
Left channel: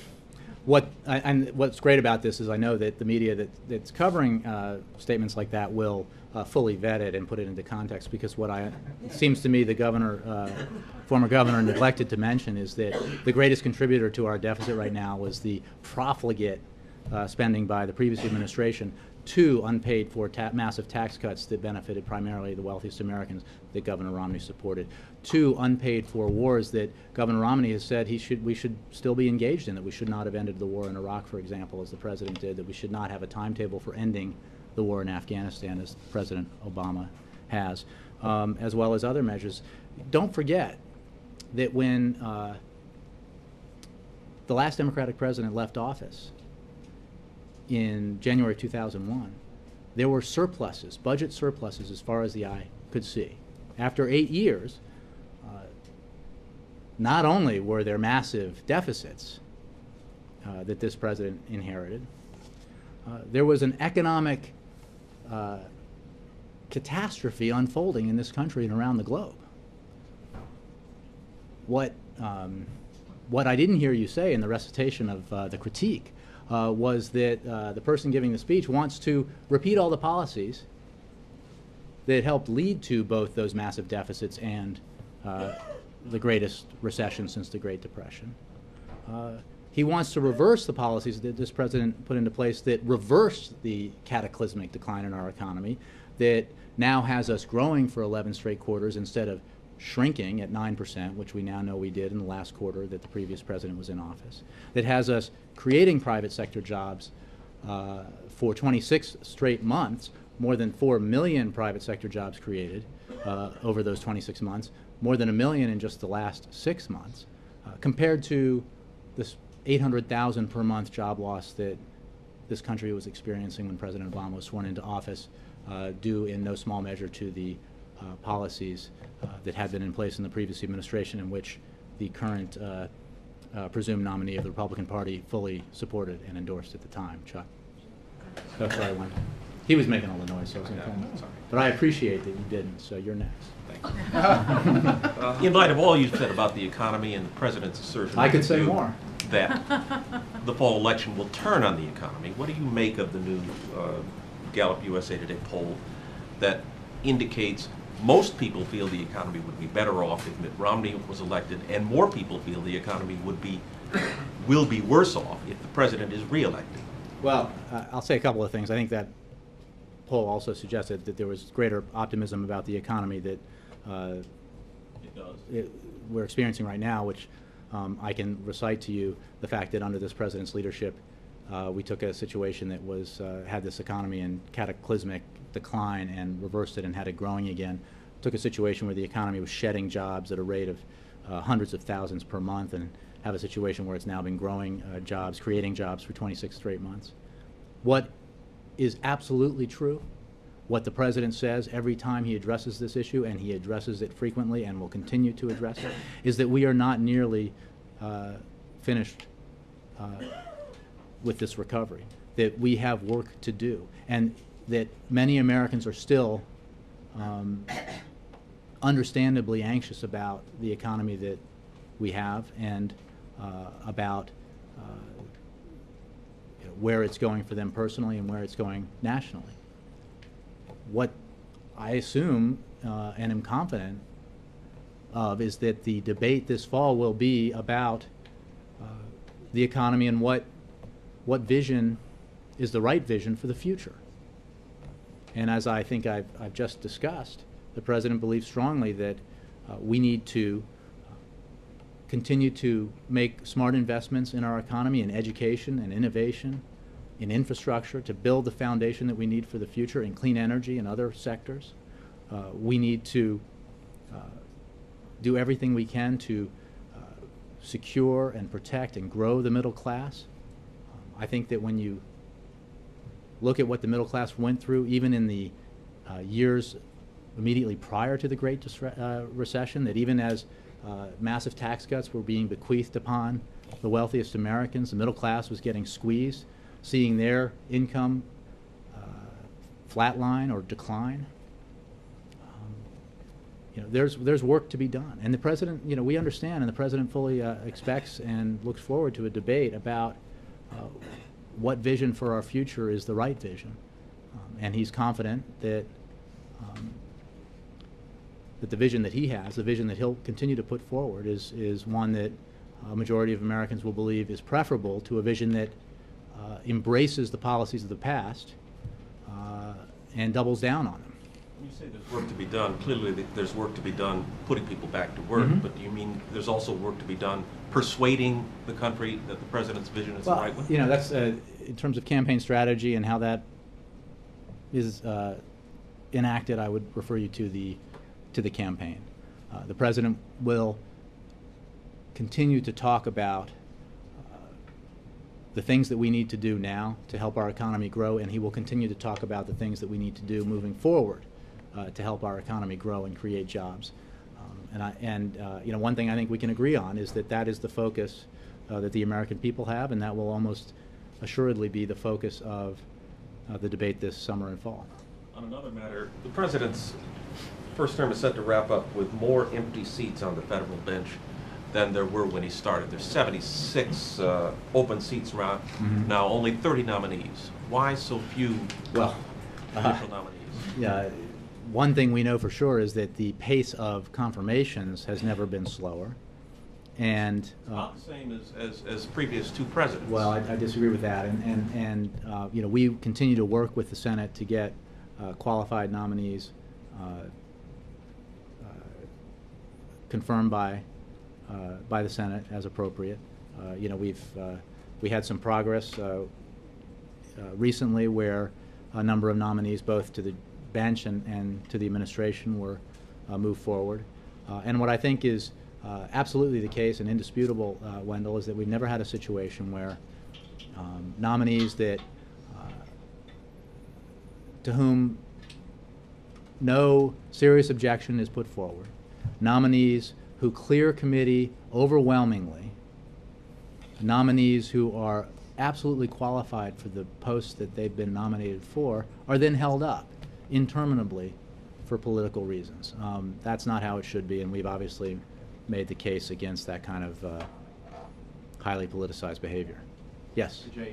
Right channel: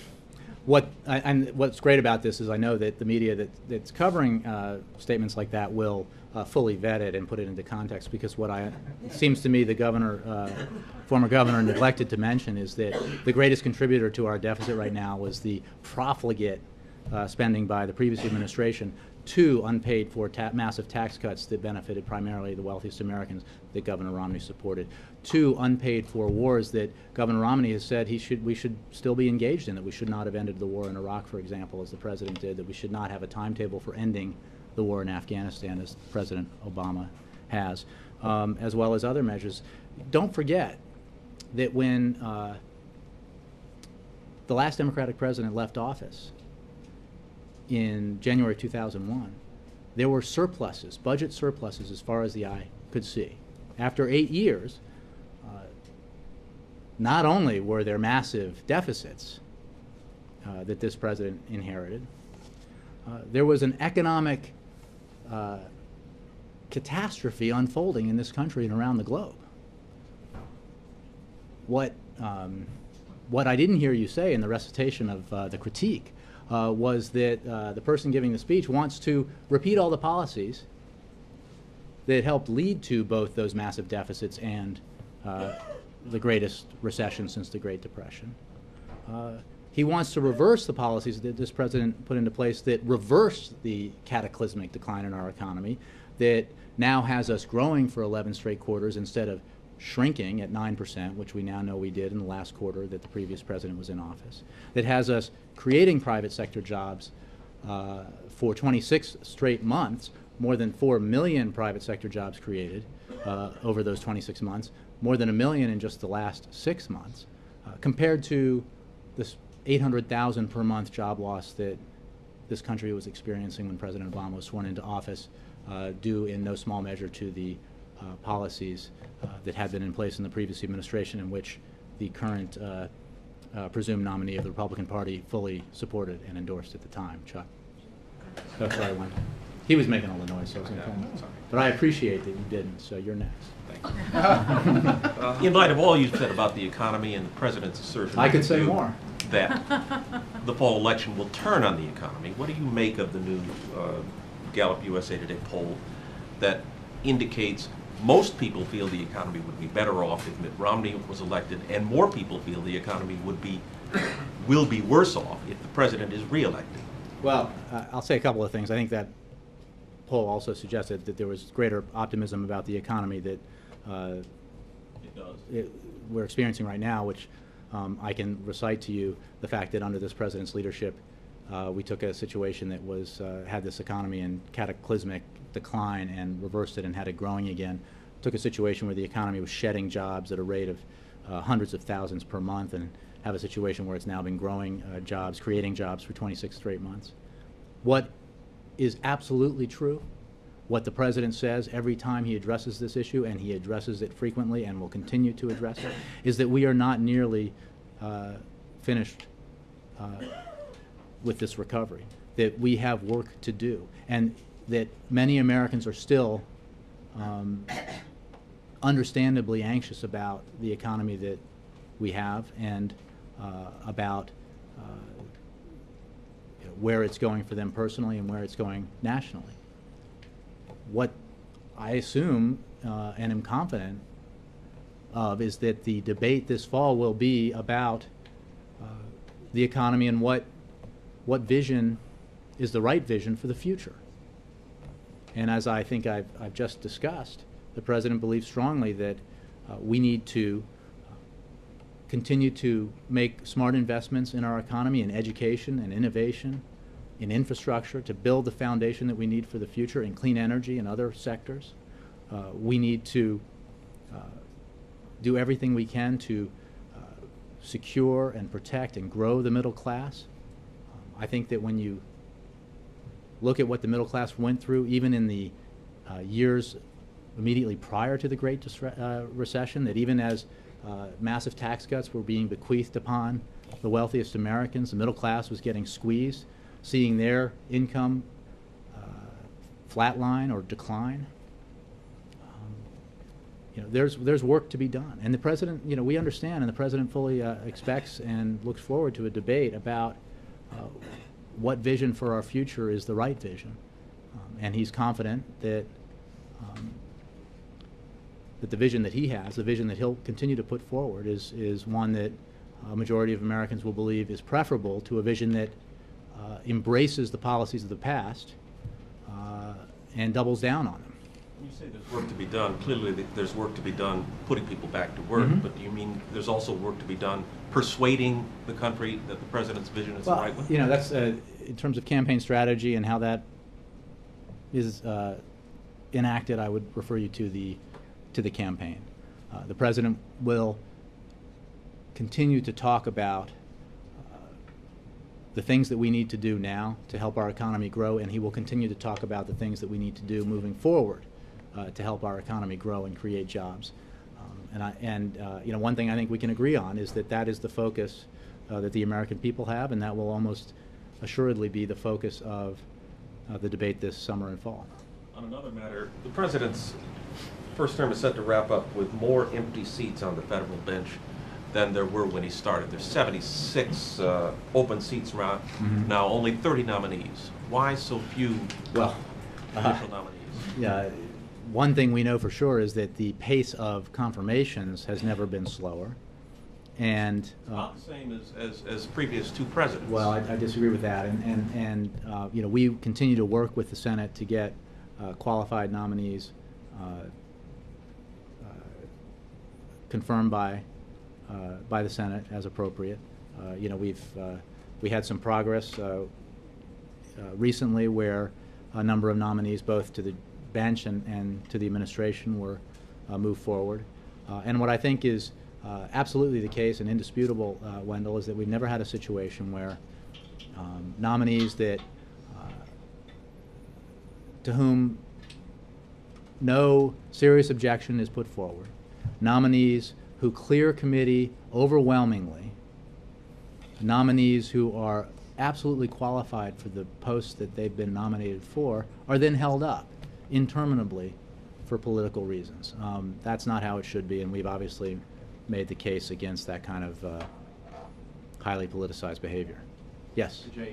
And what's great about this is I know that the media that's covering statements like that will fully vet it and put it into context, because it seems to me the former governor neglected to mention is that the greatest contributor to our deficit right now was the profligate spending by the previous administration, 2 unpaid for massive tax cuts that benefited primarily the wealthiest Americans that Governor Romney supported, 2 unpaid for wars that Governor Romney has said we should still be engaged in, that we should not have ended the war in Iraq, for example, as the president did, that we should not have a timetable for ending the war in Afghanistan, as President Obama has, as well as other measures. Don't forget that when the last Democratic president left office in January 2001, there were surpluses, budget surpluses, as far as the eye could see. After 8 years, not only were there massive deficits that this president inherited, there was an economic catastrophe unfolding in this country and around the globe. What I didn't hear you say in the recitation of the critique was that the person giving the speech wants to repeat all the policies that helped lead to both those massive deficits and the greatest recession since the Great Depression. He wants to reverse the policies that this president put into place that reversed the cataclysmic decline in our economy, that now has us growing for 11 straight quarters instead of shrinking at 9%, which we now know we did in the last quarter that the previous president was in office, that has us creating private sector jobs for 26 straight months, more than 4 million private sector jobs created over those 26 months, more than 1 million in just the last 6 months, compared to this 800,000 per month job loss that this country was experiencing when President Obama was sworn into office, due in no small measure to the policies that had been in place in the previous administration, in which the current presumed nominee of the Republican Party fully supported and endorsed at the time, Chuck. That's why I went. He was making all the noise, so I was going to come. But I appreciate that you didn't, so you're next. Thanks. In light of all you said about the economy and the president's assertion, I could say more, that the fall election will turn on the economy, what do you make of the new Gallup USA Today poll that indicates most people feel the economy would be better off if Mitt Romney was elected, and more people feel the economy will be worse off if the president is reelected? Well, I'll say a couple of things. I think that poll also suggested that there was greater optimism about the economy that we're experiencing right now, which I can recite to you the fact that under this president's leadership, we took a situation that was had this economy in cataclysmic decline and reversed it and had it growing again. Took a situation where the economy was shedding jobs at a rate of hundreds of thousands per month, and have a situation where it's now been growing jobs, creating jobs for 26 straight months. What is absolutely true, what the president says every time he addresses this issue, and he addresses it frequently and will continue to address it, is that we are not nearly finished with this recovery, that we have work to do, and that many Americans are still understandably anxious about the economy that we have and about where it's going for them personally and where it's going nationally. What I assume and am confident of is that the debate this fall will be about the economy and what vision is the right vision for the future. And as I think I've just discussed, the president believes strongly that we need to continue to make smart investments in our economy, in education and innovation, in infrastructure, to build the foundation that we need for the future, in clean energy and other sectors. We need to do everything we can to secure and protect and grow the middle class. I think that when you look at what the middle class went through, even in the years immediately prior to the Great Recession, that even as massive tax cuts were being bequeathed upon the wealthiest Americans, the middle class was getting squeezed, seeing their income flatline or decline. There's work to be done, and the president, we understand, and the president fully expects and looks forward to a debate about what vision for our future is the right vision. And he's confident that that the vision that he has, the vision that he'll continue to put forward, is one that a majority of Americans will believe is preferable to a vision that embraces the policies of the past and doubles down on them. When you say there's work to be done, clearly there's work to be done putting people back to work, Mhm. but do you mean there's also work to be done persuading the country that the president's vision is the right one? You know, that's in terms of campaign strategy and how that is enacted. I would refer you to the campaign. The president will continue to talk about the things that we need to do now to help our economy grow, and he will continue to talk about the things that we need to do moving forward to help our economy grow and create jobs. You know, one thing I think we can agree on is that that is the focus that the American people have, and that will almost assuredly be the focus of the debate this summer and fall. On another matter, the president's first term is set to wrap up with more empty seats on the federal bench than there were when he started. There's 76 open seats around now, only 30 nominees. Why so few official nominees? One thing we know for sure is that the pace of confirmations has never been slower. And not the same as previous two presidents. Well, I disagree with that. And you know, we continue to work with the Senate to get qualified nominees confirmed by the Senate as appropriate. You know, we had some progress recently where a number of nominees, both to the bench and to the administration, were moved forward. And what I think is absolutely the case and indisputable, Wendell, is that we've never had a situation where nominees that to whom no serious objection is put forward, nominees who clear committee overwhelmingly, nominees who are absolutely qualified for the posts that they've been nominated for, are then held up interminably for political reasons. That's not how it should be, and we've obviously made the case against that kind of highly politicized behavior. Yes? Jay,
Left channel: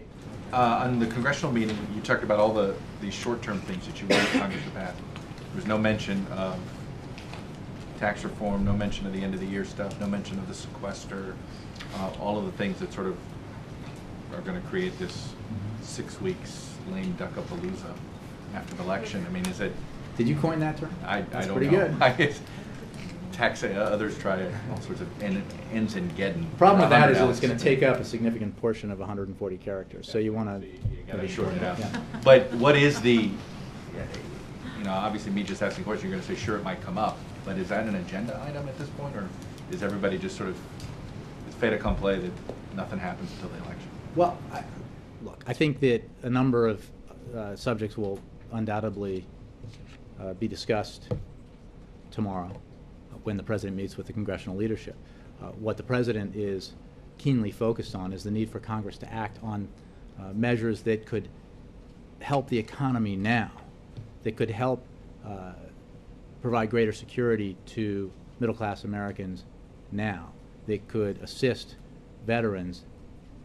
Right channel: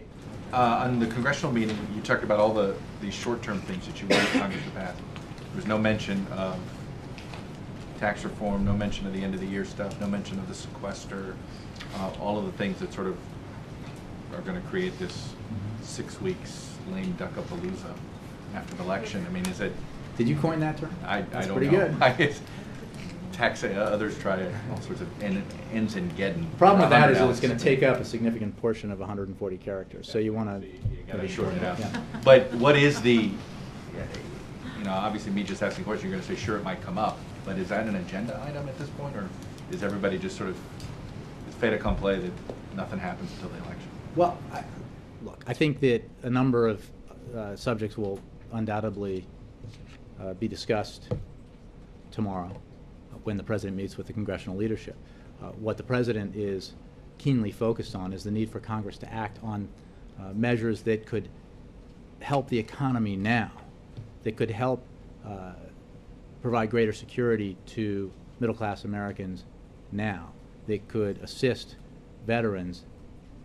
on the congressional meeting, you talked about all these short-term things that you want Congress to pass. There was no mention of tax reform, no mention of the end-of-the-year stuff, no mention of the sequester, all of the things that sort of are going to create this 6 weeks lame duck-a-palooza after the election. I mean, is it... Did you coin that term? I That's don't pretty know. good. Tax, others try all sorts of ends in getting. The problem with that is that it's going to take up a significant portion of 140 characters, so you want to shorten it out. Yeah. But what is the, you know, obviously me just asking questions, you're going to say, sure, it might come up, but is that an agenda item at this point, or is everybody just sort of, it's fait accompli that nothing happens until the election? Well, look, I think that a number of subjects will undoubtedly be discussed tomorrow when the president meets with the congressional leadership. What the president is keenly focused on is the need for Congress to act on measures that could help the economy now, that could help provide greater security to middle-class Americans now, that could assist veterans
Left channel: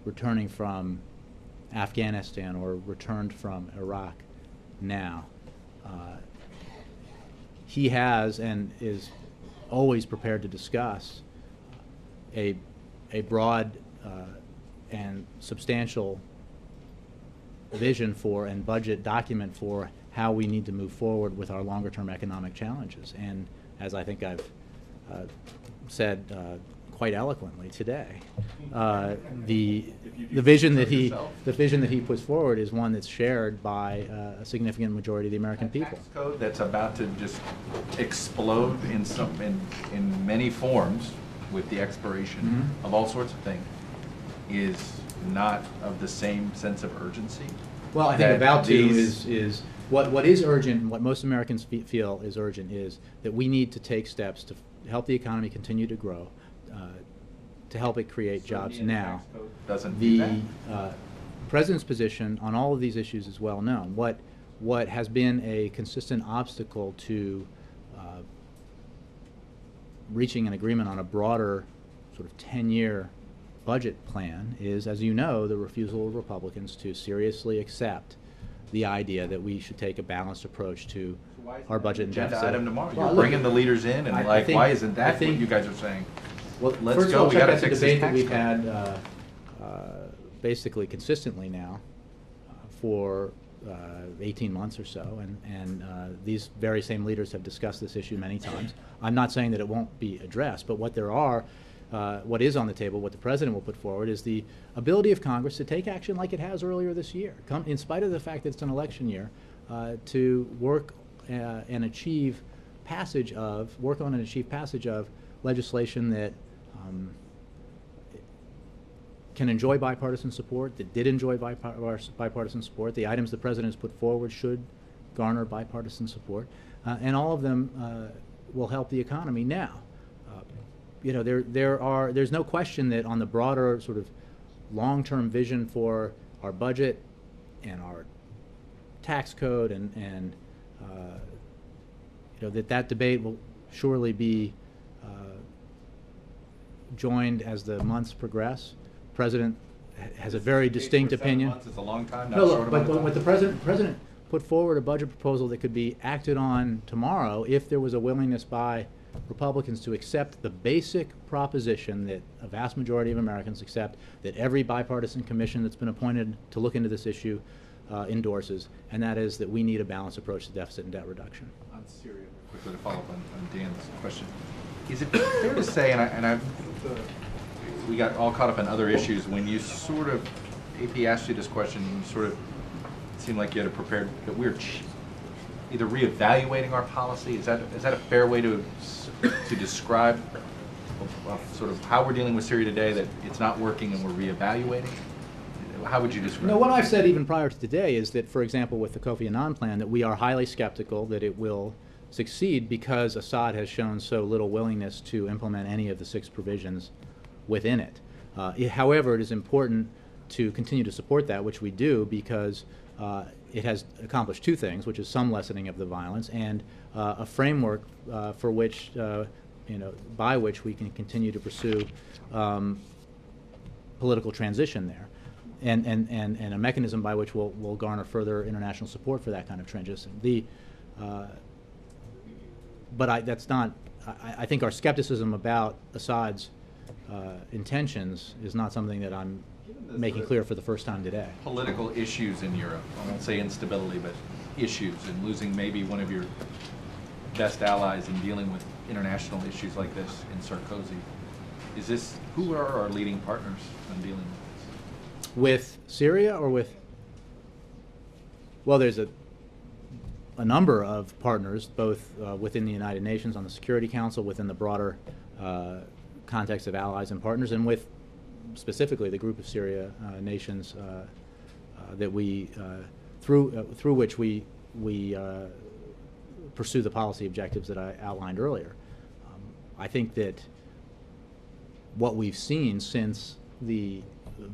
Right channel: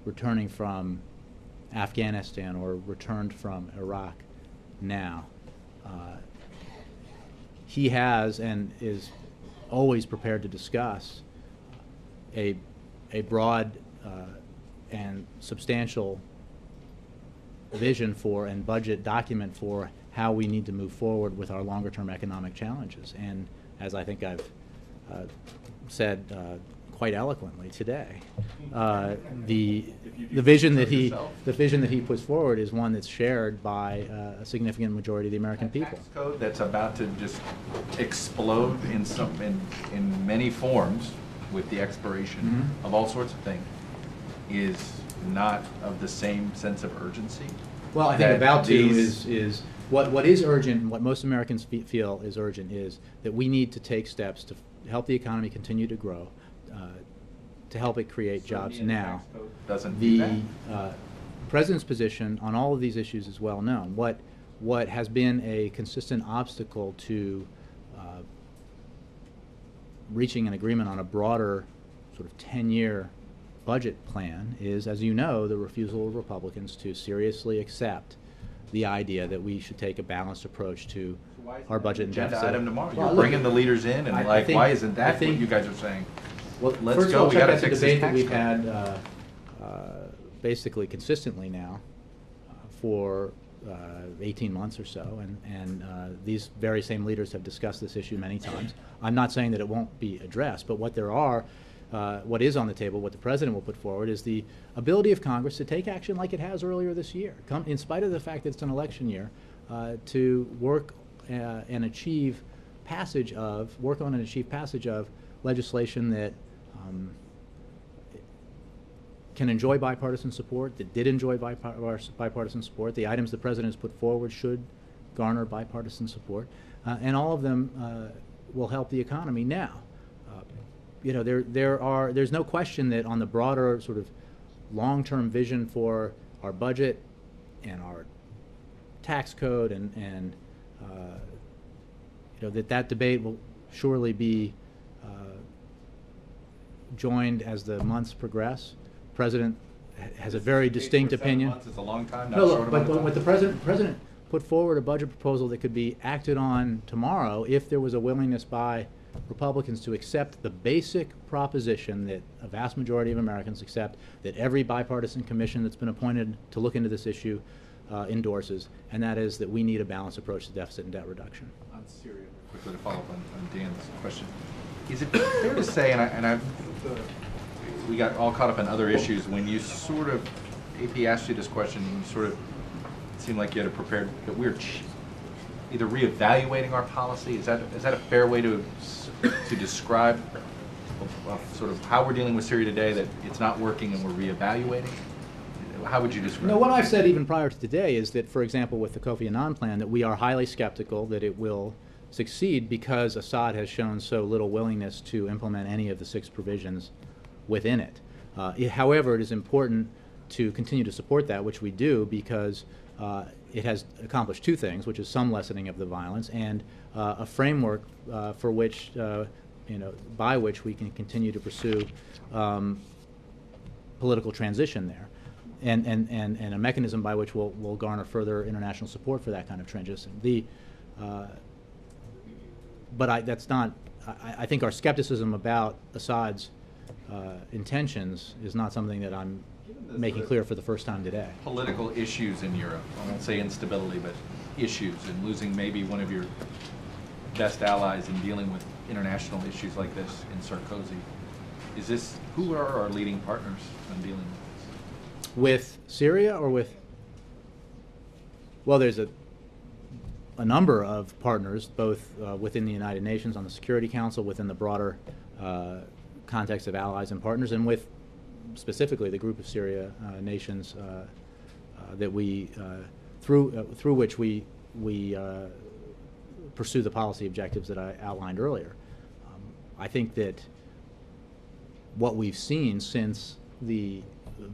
returning from Afghanistan or returned from Iraq now. He has and is always prepared to discuss a broad and substantial vision for and budget document for how we need to move forward with our longer-term economic challenges. And as I think I've said quite eloquently today, the vision that he puts forward is one that's shared by a significant majority of the American people. Tax code that's about to just explode in many forms with the expiration of all sorts of things is not of the same sense of urgency. Well, I think about to is what is urgent, and what most Americans feel is urgent, is that we need to take steps to help the economy continue to grow, to help it create jobs now. Doesn't do that. President's position on all of these issues is well known. What has been a consistent obstacle to reaching an agreement on a broader sort of 10-year budget plan is, as you know, the refusal of Republicans to seriously accept the idea that we should take a balanced approach to our budget and deficit. Item tomorrow. Well, You're look, bringing the leaders in, and I think- why isn't I that think- what you guys are saying? Well, Let's first go. of all, We check gotta out the fix this debate that tax we've code. had basically consistently now for 18 months or so, and these very same leaders have discussed this issue many times. I'm not saying that it won't be addressed, but what is on the table, what the president will put forward, is the ability of Congress to take action like it has earlier this year, in spite of the fact that it's an election year, to work and achieve passage of legislation that can enjoy bipartisan support, that did enjoy bipartisan support. The items the president has put forward should garner bipartisan support, and all of them will help the economy. Now, there's no question that on the broader sort of long-term vision for our budget and our tax code, and that debate will surely be joined as the months progress. The president has a very distinct opinion. Months is a long time. Not No, short look, amount but of with time. the president put forward a budget proposal that could be acted on tomorrow if there was a willingness by Republicans to accept the basic proposition that a vast majority of Americans accept, that every bipartisan commission that's been appointed to look into this issue endorses, and that is that we need a balanced approach to deficit and debt reduction. On Syria, quickly to follow up on Dan's question, is it fair to say, we got all caught up in other issues, when you sort of, AP asked you this question, you sort of seemed like you had it prepared, that we're either reevaluating our policy, is that a fair way to describe sort of how we're dealing with Syria today, that it's not working and we're reevaluating? How would you describe it? No, what I've said even prior to today is that, for example, with the Kofi Annan plan, that we are highly skeptical that it will succeed because Assad has shown so little willingness to implement any of the 6 provisions within it. However, it is important to continue to support that, which we do, because it has accomplished 2 things, which is some lessening of the violence and a framework for which, by which we can continue to pursue political transition there, and a mechanism by which we'll garner further international support for that kind of transition. But that's not. I think our skepticism about Assad's intentions is not something that I'm making clear for the first time today. Political issues in Europe, I won't say instability, but issues, and losing maybe one of your best allies in dealing with international issues like this in Sarkozy. Who are our leading partners in dealing with this? With Syria or with? Well, there's a number of partners, both within the United Nations on the Security Council, within the broader context of allies and partners, and with specifically the group of Syria nations that we through which we pursue the policy objectives that I outlined earlier. I think that what we've seen since the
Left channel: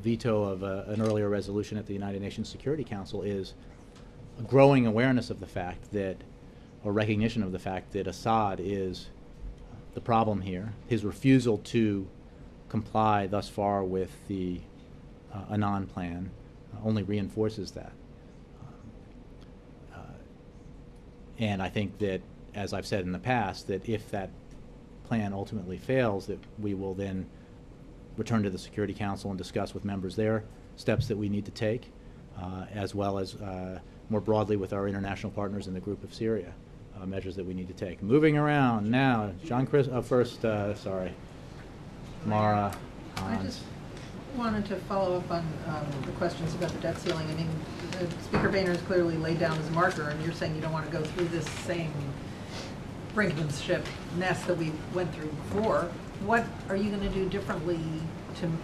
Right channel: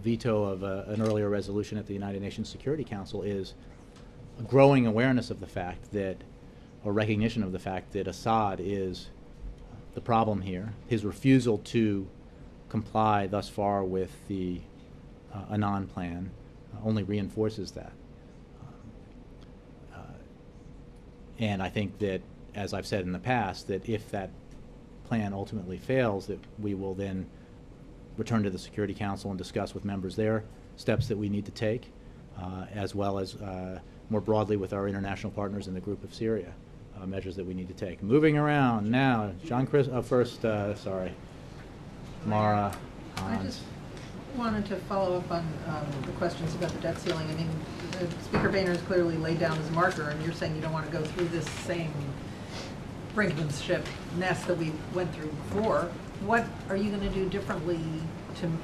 veto of an earlier resolution at the United Nations Security Council is a growing awareness of the fact that, or recognition of the fact that Assad is the problem here. His refusal to comply thus far with the Annan plan only reinforces that. And I think that, as I've said in the past, that if that plan ultimately fails, that we will then return to the Security Council and discuss with members there steps that we need to take, as well as more broadly with our international partners in the group of Syria, measures that we need to take. Moving around now, John Chris, first, sorry, Mara. I just wanted to follow up on the questions about the debt ceiling. I mean, Speaker Boehner has clearly laid down his marker, and you're saying you don't want to go through this same brinkmanship mess that we went through before. What are you going to do differently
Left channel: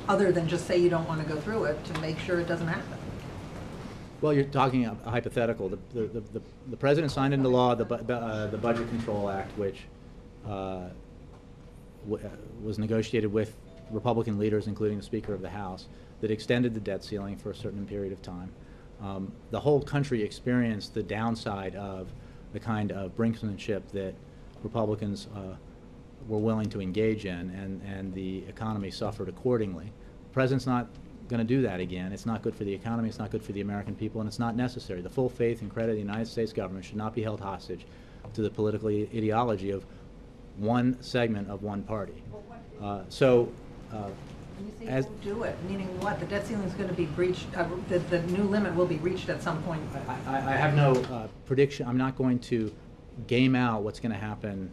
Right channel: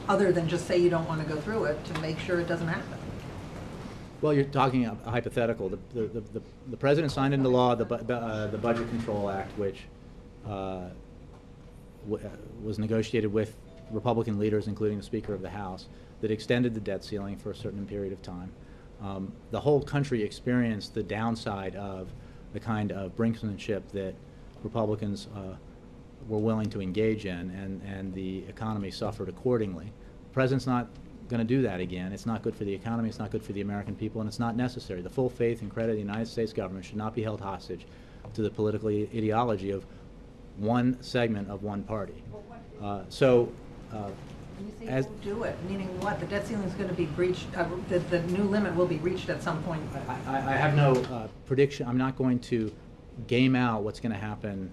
other than just say you don't want to go through it, to make sure it doesn't happen? Well, you're talking a hypothetical. The president signed into law the Budget Control Act, which was negotiated with Republican leaders, including the Speaker of the House, that extended the debt ceiling for a certain period of time. The whole country experienced the downside of the kind of brinksmanship that Republicans were willing to engage in, and the economy suffered accordingly. president's not going to do that again. It's not good for the economy, it's not good for the American people, and it's not necessary. The full faith and credit of the United States government should not be held hostage to the political ideology of one segment of one party. When you say do it, meaning what? The debt ceiling is going to be breached, the new limit will be reached at some point. I have no prediction. I'm not going to game out what's going to happen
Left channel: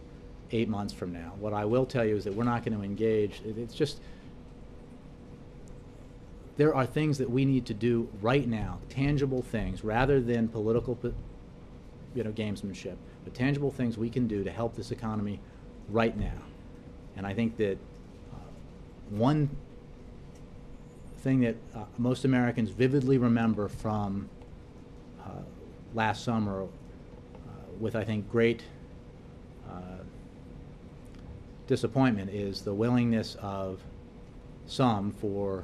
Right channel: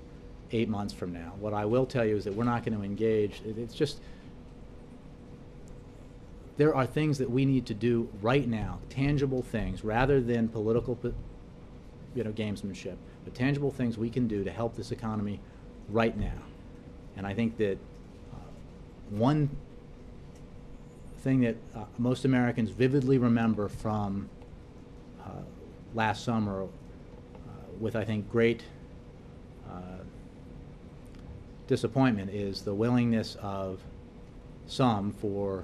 8 months from now. What I will tell you is that we're not going to engage. It's just, there are things that we need to do right now, tangible things, rather than political gamesmanship, but tangible things we can do to help this economy right now. And I think that one thing that most Americans vividly remember from last summer with, I think, great disappointment is the willingness of some, for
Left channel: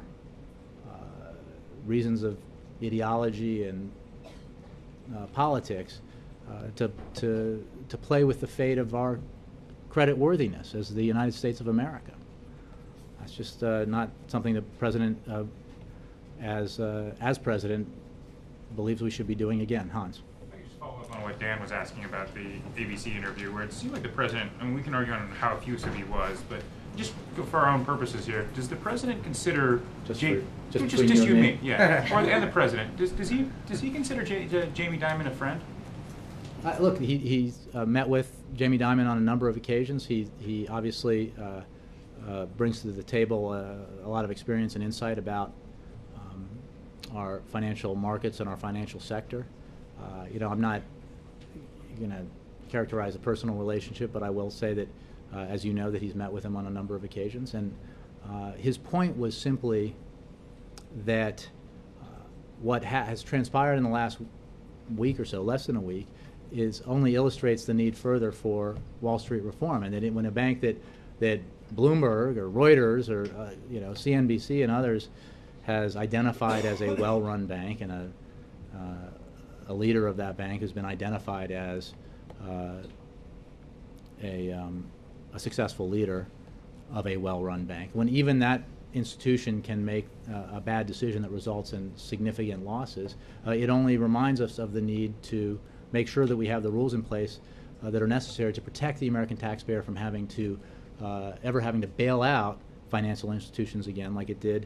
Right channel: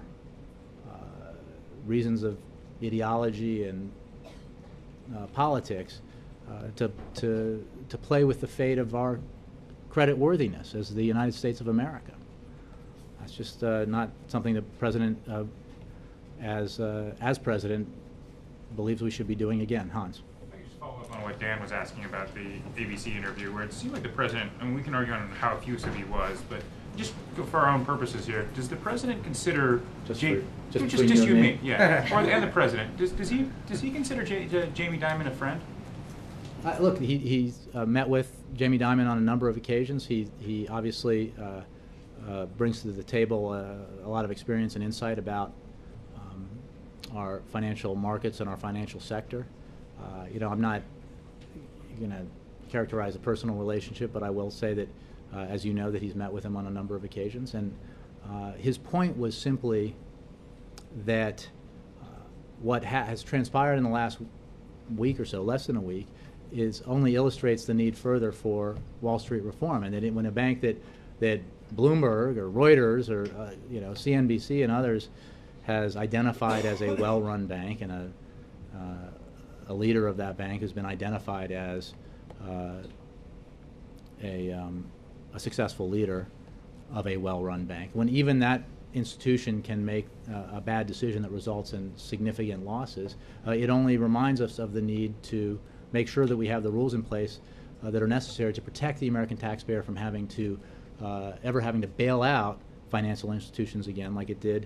reasons of ideology and politics, to play with the fate of our credit worthiness as the United States of America. That's just not something the president, as president, believes we should be doing again. Hans. If I could just follow up on what Dan was asking about the ABC interview, where it seemed like the president, and we can argue on how effusive he was, but just for our own purposes here, does the president consider Just you and me, yeah, and the president, does he consider Jamie Dimon a friend? Look, he's met with Jamie Dimon on a number of occasions. He obviously brings to the table a lot of experience and insight about our financial markets and our financial sector. I'm not going to characterize a personal relationship, but I will say that, as you know, that he's met with him on a number of occasions. And his point was simply that what has transpired in the last week or so, less than a week, only illustrates the need further for Wall Street reform, and that when a bank that Bloomberg or Reuters or CNBC and others has identified as a well-run bank, and a leader of that bank has been identified as a successful leader of a well-run bank, when even that institution can make a bad decision that results in significant losses, it only reminds us of the need to make sure that we have the rules in place that are necessary to protect the American taxpayer from having to ever having to bail out financial institutions again, like it did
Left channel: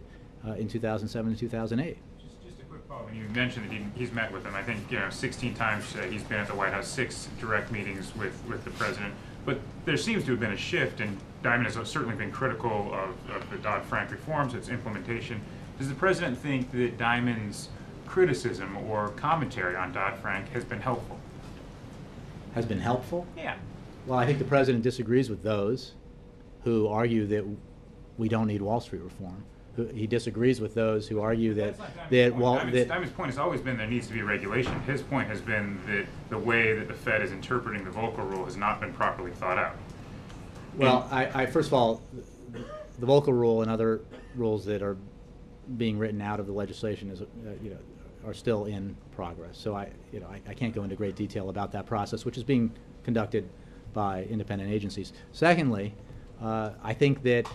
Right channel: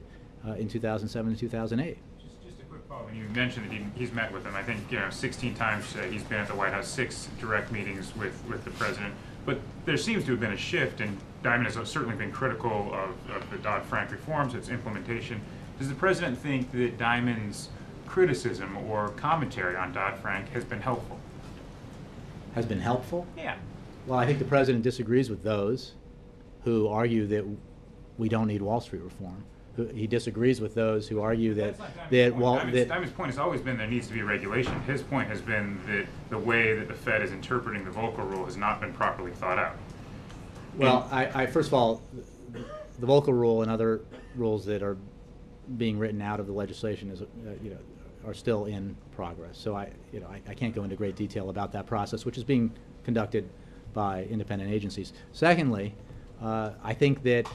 in 2007 and 2008. Just a quick follow-up. You mentioned that he's met with them. I think 16 times he's been at the White House, 6 direct meetings with the president. But there seems to have been a shift, and Dimon has certainly been critical of the Dodd-Frank reforms, its implementation. Does the president think that Dimon's criticism or commentary on Dodd-Frank has been helpful? Has been helpful? Yeah. Well, I think the president disagrees with those who argue that we don't need Wall Street reform. He disagrees with those who argue that Dimon's point has always been there needs to be regulation. His point has been that the way that the Fed is interpreting the Volcker Rule has not been properly thought out. Well, I first of all, the Volcker Rule and other rules that are being written out of the legislation are still in progress. So I can't go into great detail about that process, which is being conducted by independent agencies. Secondly, I think that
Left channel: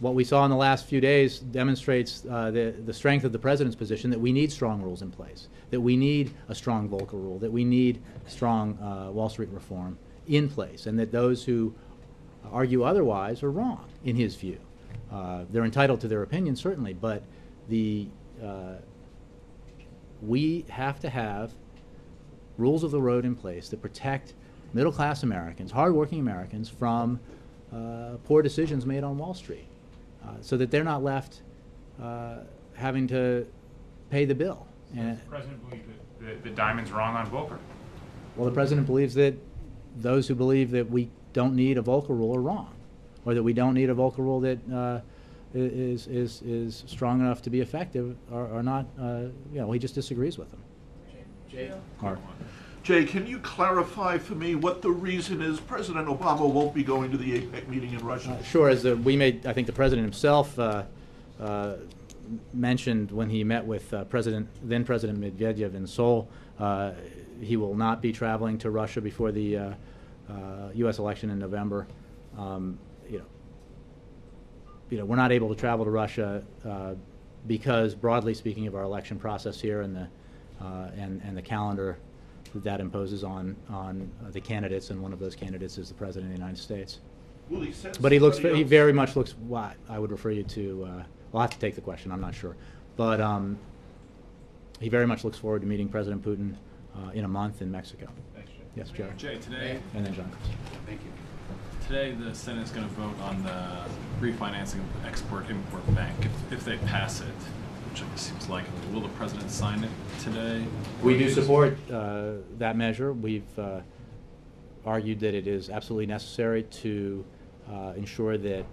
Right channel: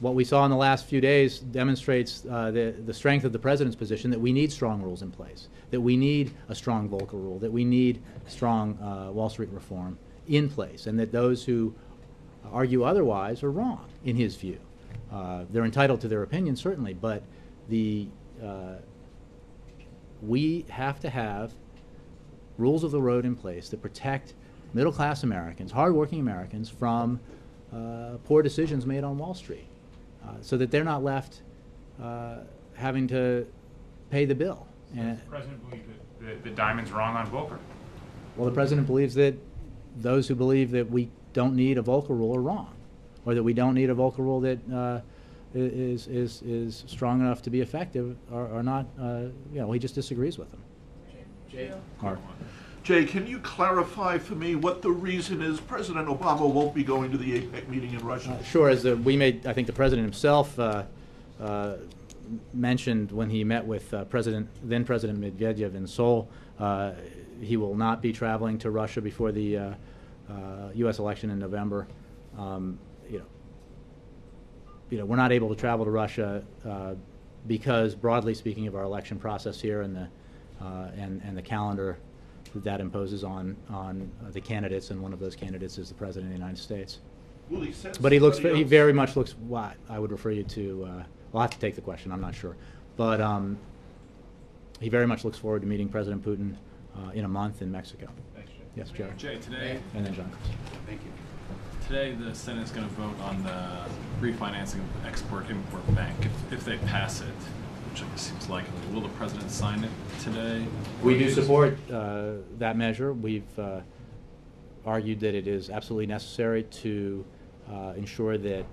what we saw in the last few days demonstrates the strength of the president's position that we need strong rules in place, that we need a strong Volcker Rule, that we need strong Wall Street reform in place, and that those who argue otherwise are wrong, in his view. They're entitled to their opinion, certainly, but we have to have rules of the road in place that protect middle-class Americans, hardworking Americans, from poor decisions made on Wall Street, so that they're not left having to pay the bill. Does the president believe that Dimon's wrong on Volcker? Well, the president believes that those who believe that we don't need a Volcker Rule are wrong, or that we don't need a Volcker Rule that is strong enough to be effective are not. He just disagrees with them. Jay. Mark. Jay, can you clarify for me what the reason is President Obama won't be going to the APEC meeting in Russia? Sure. I think the president himself mentioned when he met with then President Medvedev in Seoul, he will not be traveling to Russia before the U.S. election in November. we're not able to travel to Russia because, broadly speaking, of our election process here and the calendar that imposes on the candidates, and one of those candidates is the President of the United States. Will he send But he somebody very else? much looks. Well, I would refer you to. I'll have to take the question. I'm not sure, but he very much looks forward to meeting President Putin in a month in Mexico. Thanks, Jay. Yes, Jerry. Jay, today, And then John. thank you. Today, the Senate's going to vote on the refinancing of the Export-Import Bank. If they pass it, which it seems likely, will the president sign it today? We do support that measure. We've argued that it is absolutely necessary to ensure that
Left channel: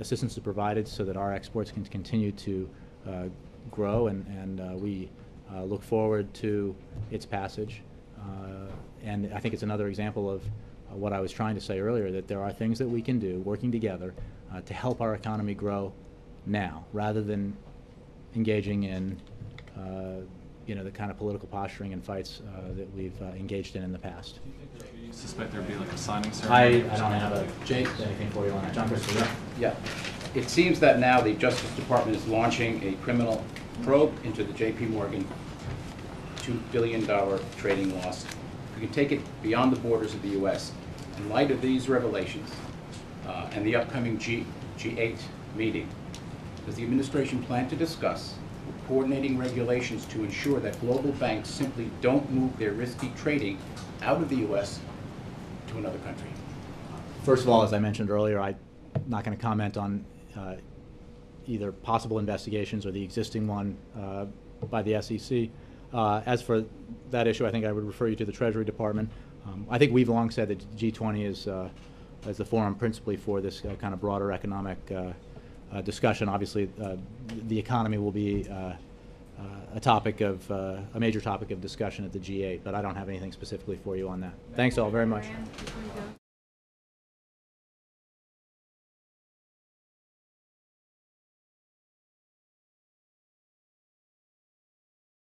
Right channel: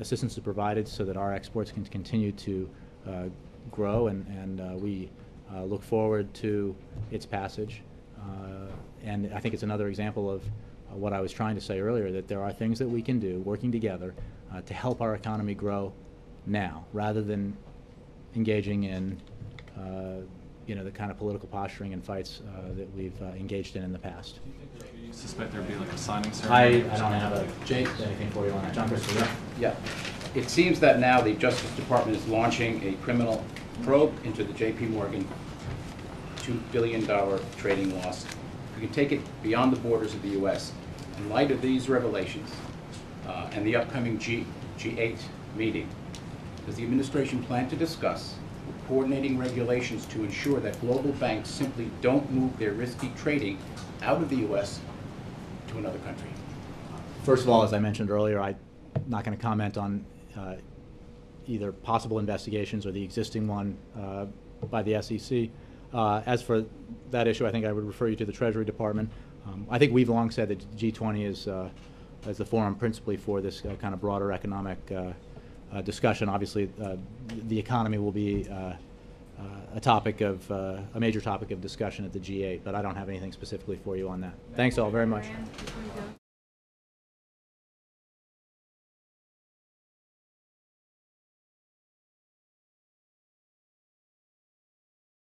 assistance is provided so that our exports can continue to grow, and we look forward to its passage. And I think it's another example of what I was trying to say earlier, that there are things that we can do working together to help our economy grow now, rather than engaging in the kind of political posturing and fights that we've engaged in the past. Do you suspect there'd be like a signing I ceremony? don't have anything for you on that. John Christopher. Yeah. It seems that now the Justice Department is launching a criminal probe into the J.P. Morgan $2 billion trading loss. We can take it beyond the borders of the U.S. In light of these revelations and the upcoming G8 meeting, does the administration plan to discuss coordinating regulations to ensure that global banks simply don't move their risky trading out of the U.S. to another country? First of all, as I mentioned earlier, I'm not going to comment on either possible investigations or the existing one by the SEC. As for that issue, I think I would refer you to the Treasury Department. I think we've long said that G20 is as the forum principally for this kind of broader economic discussion. Obviously, the economy will be a major topic of discussion at the G8, but I don't have anything specifically for you on that. Thanks all very much.